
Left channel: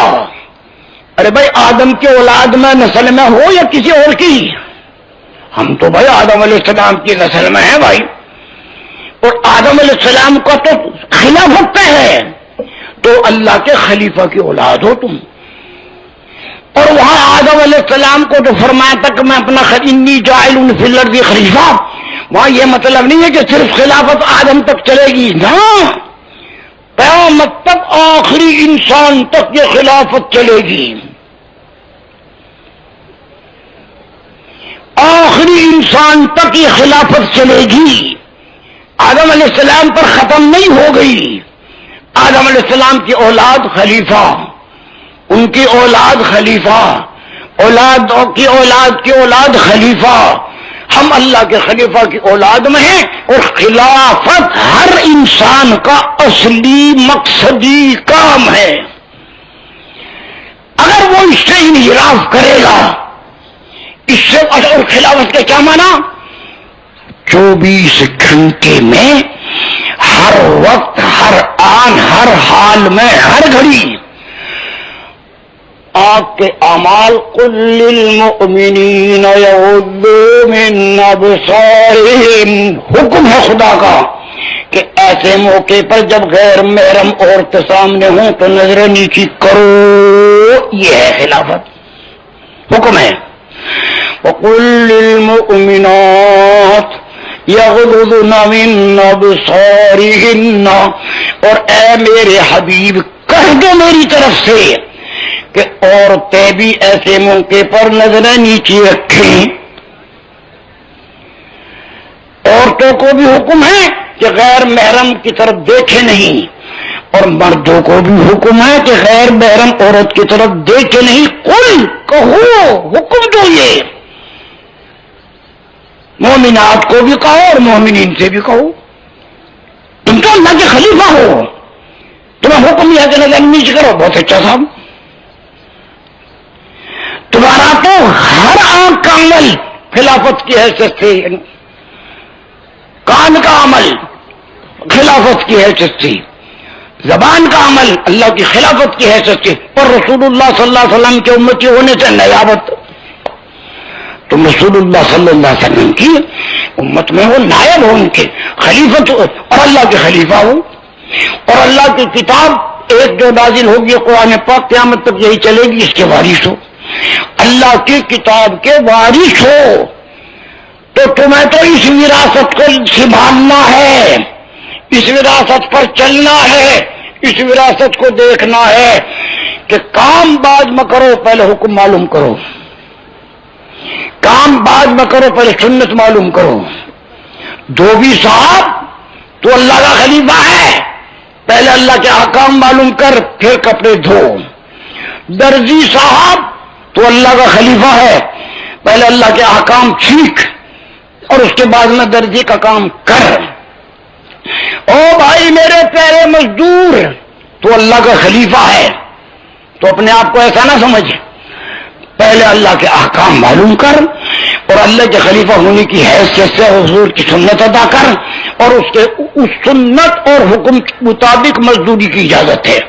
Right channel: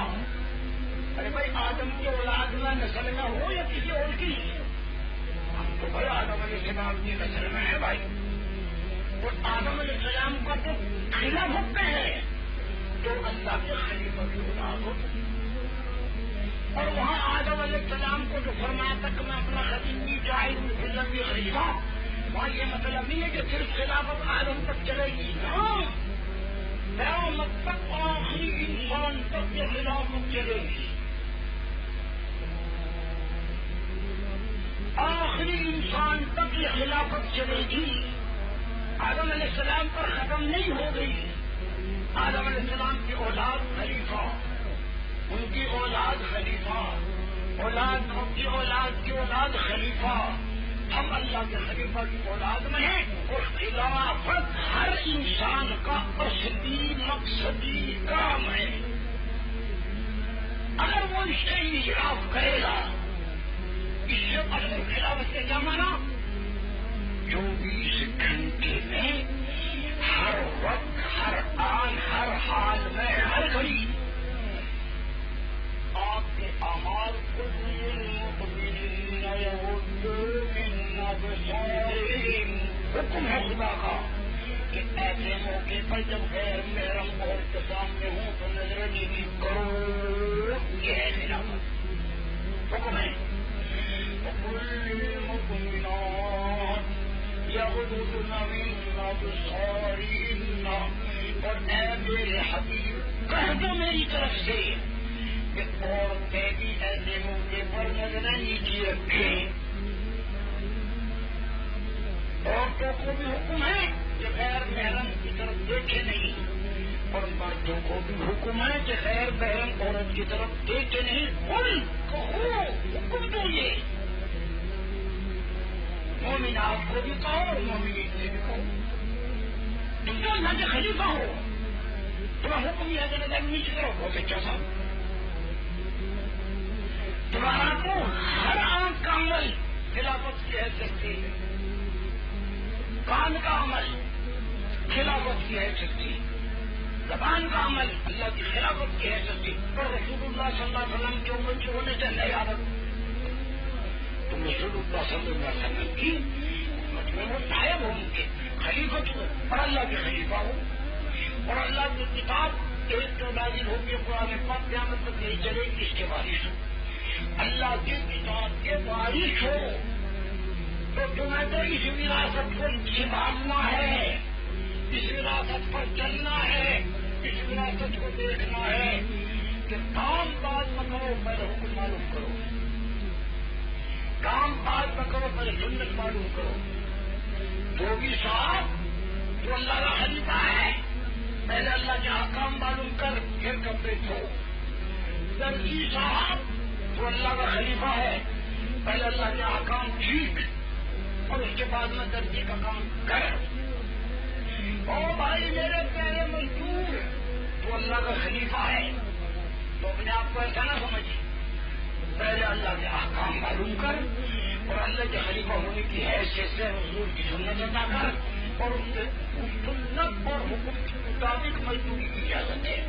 ارے بھائی آدم کی اولاد میں نسل میں ہو یا کسی اور کی، ہم تو بھائی آدم علیہ السلام کی نسل میں ہیں بھائی، اور آدم علیہ السلام کا تو خلافت پہ ہے، تو اللہ کے خلیفہ کی اولاد ہو تم۔ اور وہاں آدم علیہ السلام کو جو فرمایا تھا کہ میں اپنا انی جاعل فی الارض خلیفہ، وہاں یہ مطلب نہیں ہے کہ صرف خلافت آدم تک چلے گی، نہ، قیامت تک آخری انسان تک یہ خلافت چلے گی۔ آخری انسان تک یہ خلافت چلے گی، آدم علیہ السلام پر ختم نہیں ہو گئی۔ آدم علیہ السلام کی اولاد خلیفہ، ان کی اولاد خلیفہ، اولاد کی اولاد کی اولاد خلیفہ، ہم اللہ کے خلیفہ کی اولاد میں ہیں، اور خلافت ہر انسان کا اصلی مقصدی کام ہے۔ اگر وہ اس سے انحراف کرے گا، اس سے، اور خلافت کے کیا معنی؟ 24 گھنٹے میں، ہر وقت، ہر آن، ہر حال میں، ہر گھڑی آپ کے اعمال قل للمؤمنین یغضوا من ابصارہم، حکم ہے خدا کا کہ ایسے موقع پر جب غیر محرم عورت سامنے ہوں تو نظر نیچی کرو، یہ ہے خلافت، حکم ہے۔ وقل للمؤمنات یغضضن من ابصارہن، اور اے میرے حبیب کہہ دو میری طرف سے کہ عورتیں بھی ایسے موقع پر نظریں نیچے رکھیں۔ عورتوں کو بھی حکم ہے کہ غیر محرم کی طرف دیکھے نہیں، اور مردوں کو بھی حکم ہے کہ غیر محرم عورت کی طرف دیکھے نہیں۔ قل، کہو، حکم دو، یہ مومنات کو بھی کہو اور مومنین سے بھی کہو، تم تو اللہ کے خلیفہ ہو، تمہیں حکم یہ ہے کہ نظر نیچے کرو، بہت اچھا صاحب، تمہارا تو ہر آنکھ کا عمل خلافت کی حیثیت سے، کان کا عمل خلافت کی حیثیت سے، زبان کا عمل اللہ کی خلافت کی حیثیت سے، اور رسول اللہ صلی اللہ علیہ وسلم کے امتی ہونے سے نیابت، تم رسول اللہ صلی اللہ علیہ وسلم کی امت میں ہو، نائب ہو ان کے، خلیفت ہو، اور اللہ کے خلیفہ ہو، اور اللہ کی کتاب ایک جو نازل ہوگی قرآن پاک قیامت تک یہی چلے گی، اس کے وارث ہو، اللہ کی کتاب کے وارث ہو، تو تمہیں تو اس وراثت کو سنبھالنا ہے، اس وراثت پر چلنا ہے، اس وراثت کو دیکھنا ہے کہ کام بعد میں کرو، پہلے حکم معلوم کرو، کام بعد میں کرو، پہلے سنت معلوم کرو۔ دھوبی صاحب تو اللہ کا خلیفہ ہے، پہلے اللہ کے احکام معلوم کر پھر کپڑے دھو۔ درزی صاحب تو اللہ کا خلیفہ ہے، پہلے اللہ کے احکام سیکھ اور اس کے بعد میں درزی کا کام کر۔ او بھائی میرے پیارے مزدور، تو اللہ کا خلیفہ ہے، تو اپنے آپ کو ایسا نہ سمجھ، پہلے اللہ کے احکام معلوم کر اور اللہ کے خلیفہ ہونے کی حیثیت سے حضور کی سنت ادا کر، اور اس سنت اور حکم کے مطابق مزدوری کی اجازت ہے۔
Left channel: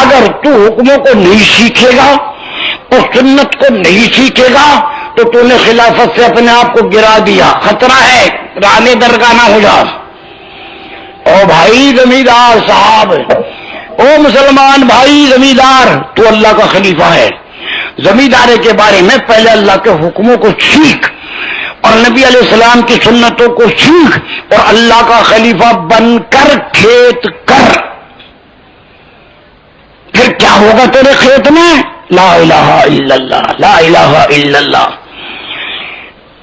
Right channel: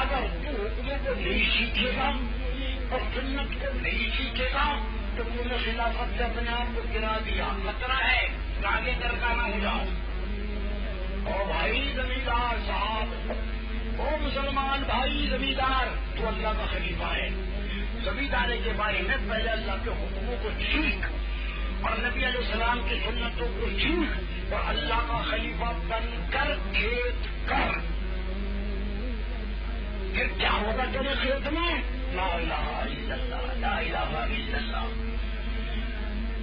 اگر تو حکموں کو نہیں سیکھے گا اور سنت کو نہیں سیکھے گا تو نے خلافت سے اپنے آپ کو گرا دیا، خطرہ ہے رانے درگاہ نہ ہو جا۔ او بھائی زمیندار صاحب، او مسلمان بھائی زمیندار، تو اللہ کا خلیفہ ہے، زمیندارے کے بارے میں پہلے اللہ کے حکموں کو سیکھ اور نبی علیہ السلام کی سنتوں کو سیکھ اور اللہ کا خلیفہ بن کر کھیت کر، پھر کیا ہوگا تیرے کھیت میں؟ لا الہ الا اللہ، لا الہ الا اللہ۔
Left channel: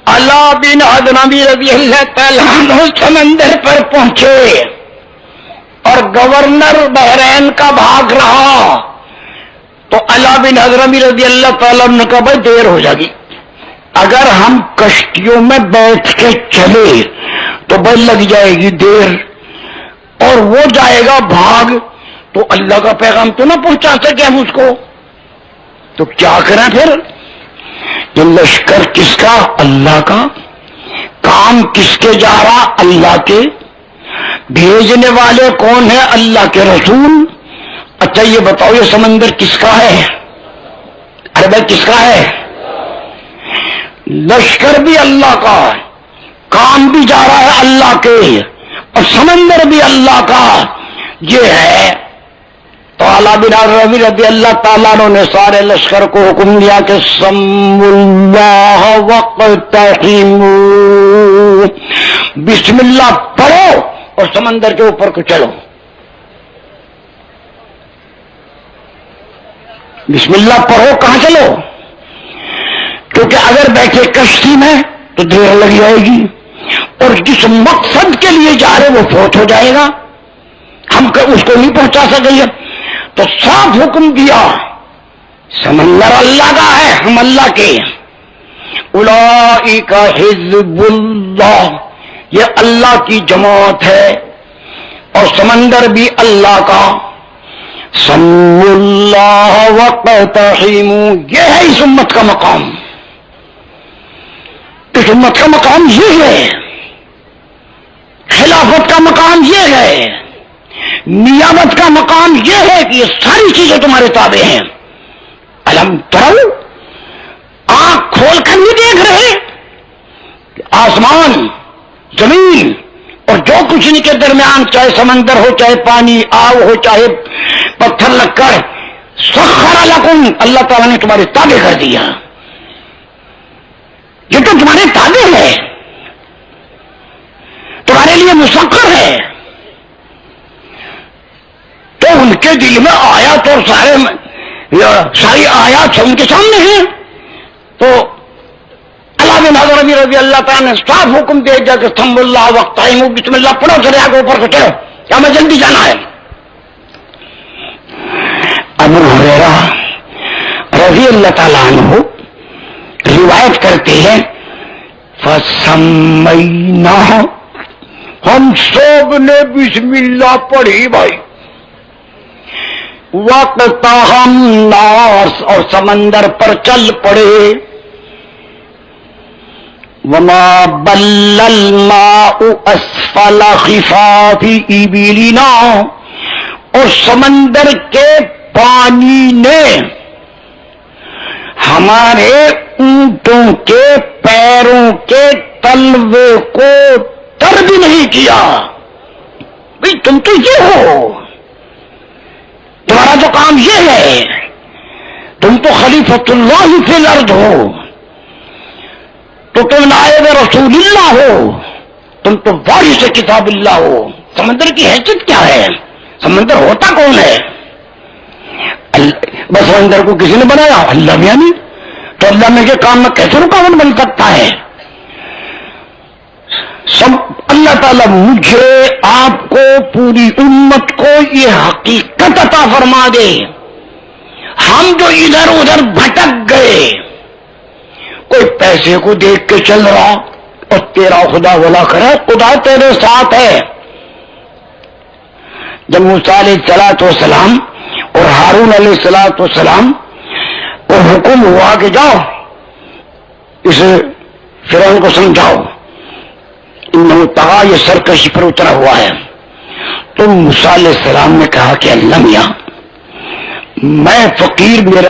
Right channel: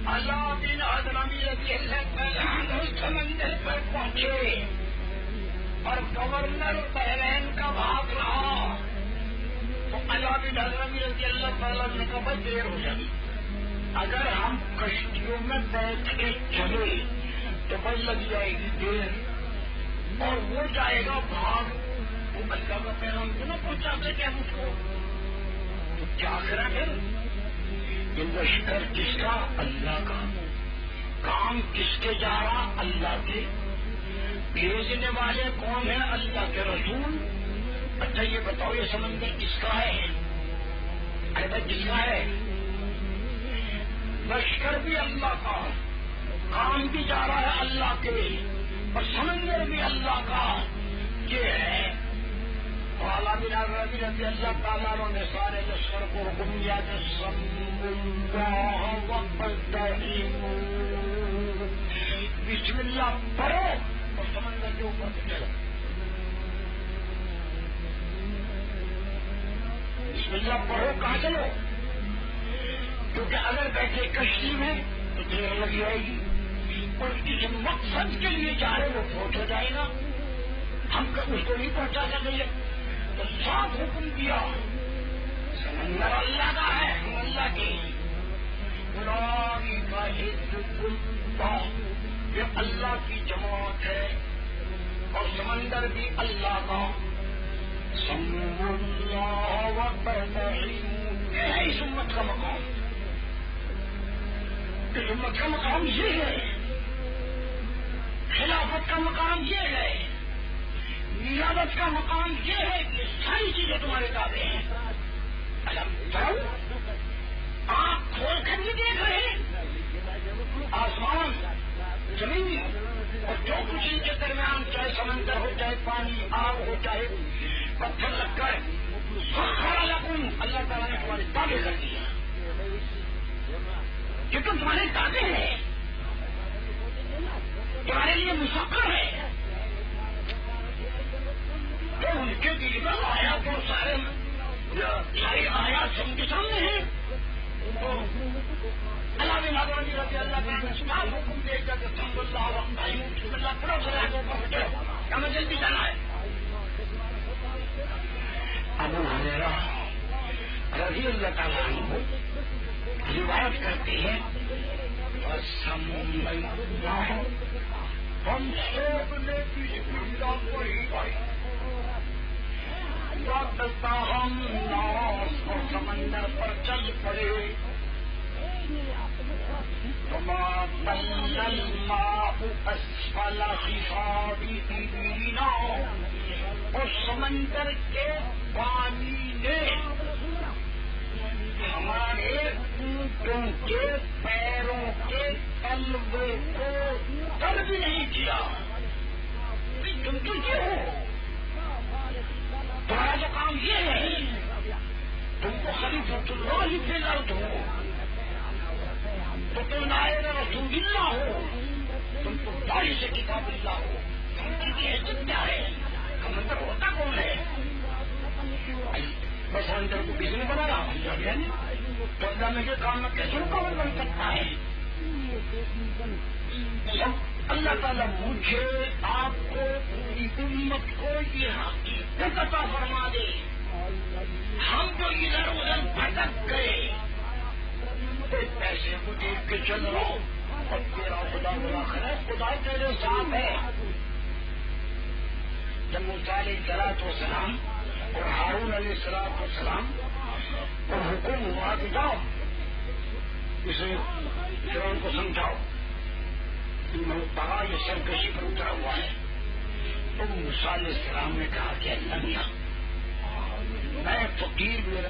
علا بن حضرمی رضی اللہ تعالیٰ عنہ سمندر پر پہنچے اور گورنر بحرین کا بھاگ رہا، تو علا بن حضرمی رضی اللہ تعالیٰ عنہ نے کہا بھائی دیر ہو جائے گی، اگر ہم کشتیوں میں بیٹھ کے چلے تو بھائی لگ جائے گی دیر، اور وہ جائے گا بھاگ تو اللہ کا پیغام تو نہ پہنچا سکے ہم اس کو، تو کیا کریں پھر؟ یہ لشکر کس کا؟ اللہ کا۔ کام کس کے جا رہا؟ اللہ کے۔ بھیجنے والے کون ہیں؟ اللہ کے رسول۔ اچھا یہ بتاؤ یہ سمندر کس کا ہے؟ ارے بھائی کس کا ہے؟ لشکر بھی اللہ کا، کام بھی جا رہا ہے اللہ کے، اور سمندر بھی اللہ کا۔ یہ ہے تو علا بن حضرمی رضی اللہ تعالیٰ عنہ نے سارے لشکر کو حکم دیا کہ سموا اللہ واقتحموا، بسم اللہ پڑھو اور سمندر کے اوپر کو چلو۔ بسم اللہ پڑھو، کہاں چلو؟ کیونکہ اگر بیٹھے کشتی میں تو دیر لگ جائے گی، اور جس مقصد کے لیے جا رہے وہ فوت ہو جائے گا، ہم اس کو نہیں پہنچا سکیں۔ تو صاف حکم دیا سمندر اللہ کا ہے، ہم اللہ کے۔ اولئک حزب اللہ، یہ اللہ کی جماعت ہے، اور سمندر بھی اللہ کا۔ سموا اللہ واقتحموا، یہ ہے اس امت کا مقام، اس امت کا مقام یہ ہے، خلافت کا مقام یہ ہے، نیابت کا مقام یہ ہے کہ یہ ساری چیزیں تمہارے تابع ہیں۔ الم ترو، آنکھ کھول کر نہیں دیکھ رہے؟ آسمان، زمین اور جو کچھ ان کے درمیان، چاہے سمندر ہو، چاہے پانی، آگ ہو، چاہے پتھر لکڑ، سخر لکم، اللہ تعالیٰ نے تمہارے تابع کر دیا، یہ تو تمہارے تابع ہے، تمہارے لیے مسخر ہے۔ تو ان کے دل میں آیات اور ساری آیات ان کے سامنے ہیں، تو علا بن حضرمی رضی اللہ تعالیٰ نے صاف حکم دے دیا کہ سموا اللہ واقتحموا، بسم اللہ پڑھو، چلے آگے اوپر کو چلو، کیا میں جلدی جانا ہے۔ ابو ہریرہ رضی اللہ تعالیٰ عنہ روایت کرتے ہیں فَسَمَّيْنَاهُ، ہم سب نے بسم اللہ پڑھی بھائی، وَاقْتَحَمْنَا، اور سمندر پر چل پڑے، وَمَا بَلَّ الْمَاءُ أَسْفَلَ خِفَافِ إِبِلِنَا، اور سمندر کے پانی نے ہمارے اونٹوں کے پیروں کے تلوے کو تر بھی نہیں کیا۔ بھئی تم تو یہ ہو، تمہارا تو کام یہ ہے، تم تو خلیفۃ اللہ فی الارض ہو، تو تم نائب رسول اللہ ہو، تم تو وارث کتاب اللہ ہو۔ سمندر کی حیثیت کیا ہے؟ سمندر ہوتا کون ہے؟ بس سمندر کو کسی نے بنایا؟ اللہ بھی نہیں، تو اللہ میں کے کام میں کیسے رکاوٹ بن سکتا ہے؟ سب اللہ تعالیٰ مجھے، آپ کو، پوری امت کو یہ حقیقت عطا فرما دے، ہم جو ادھر ادھر بھٹک گئے، کوئی پیسے کو دیکھ کے چل رہا اور تیرا خدا بھلا کرے، خدا تیرے ساتھ ہے۔ جب موسیٰ علیہ السلام اور ہارون علیہ السلام کو حکم ہوا کہ جاؤ اس فرعون کو سمجھاؤ، انہوں طغا، یہ سرکشی پر اترا ہوا ہے، تو موسیٰ علیہ السلام نے کہا کہ اللہ میاں، میں فقیر، میرا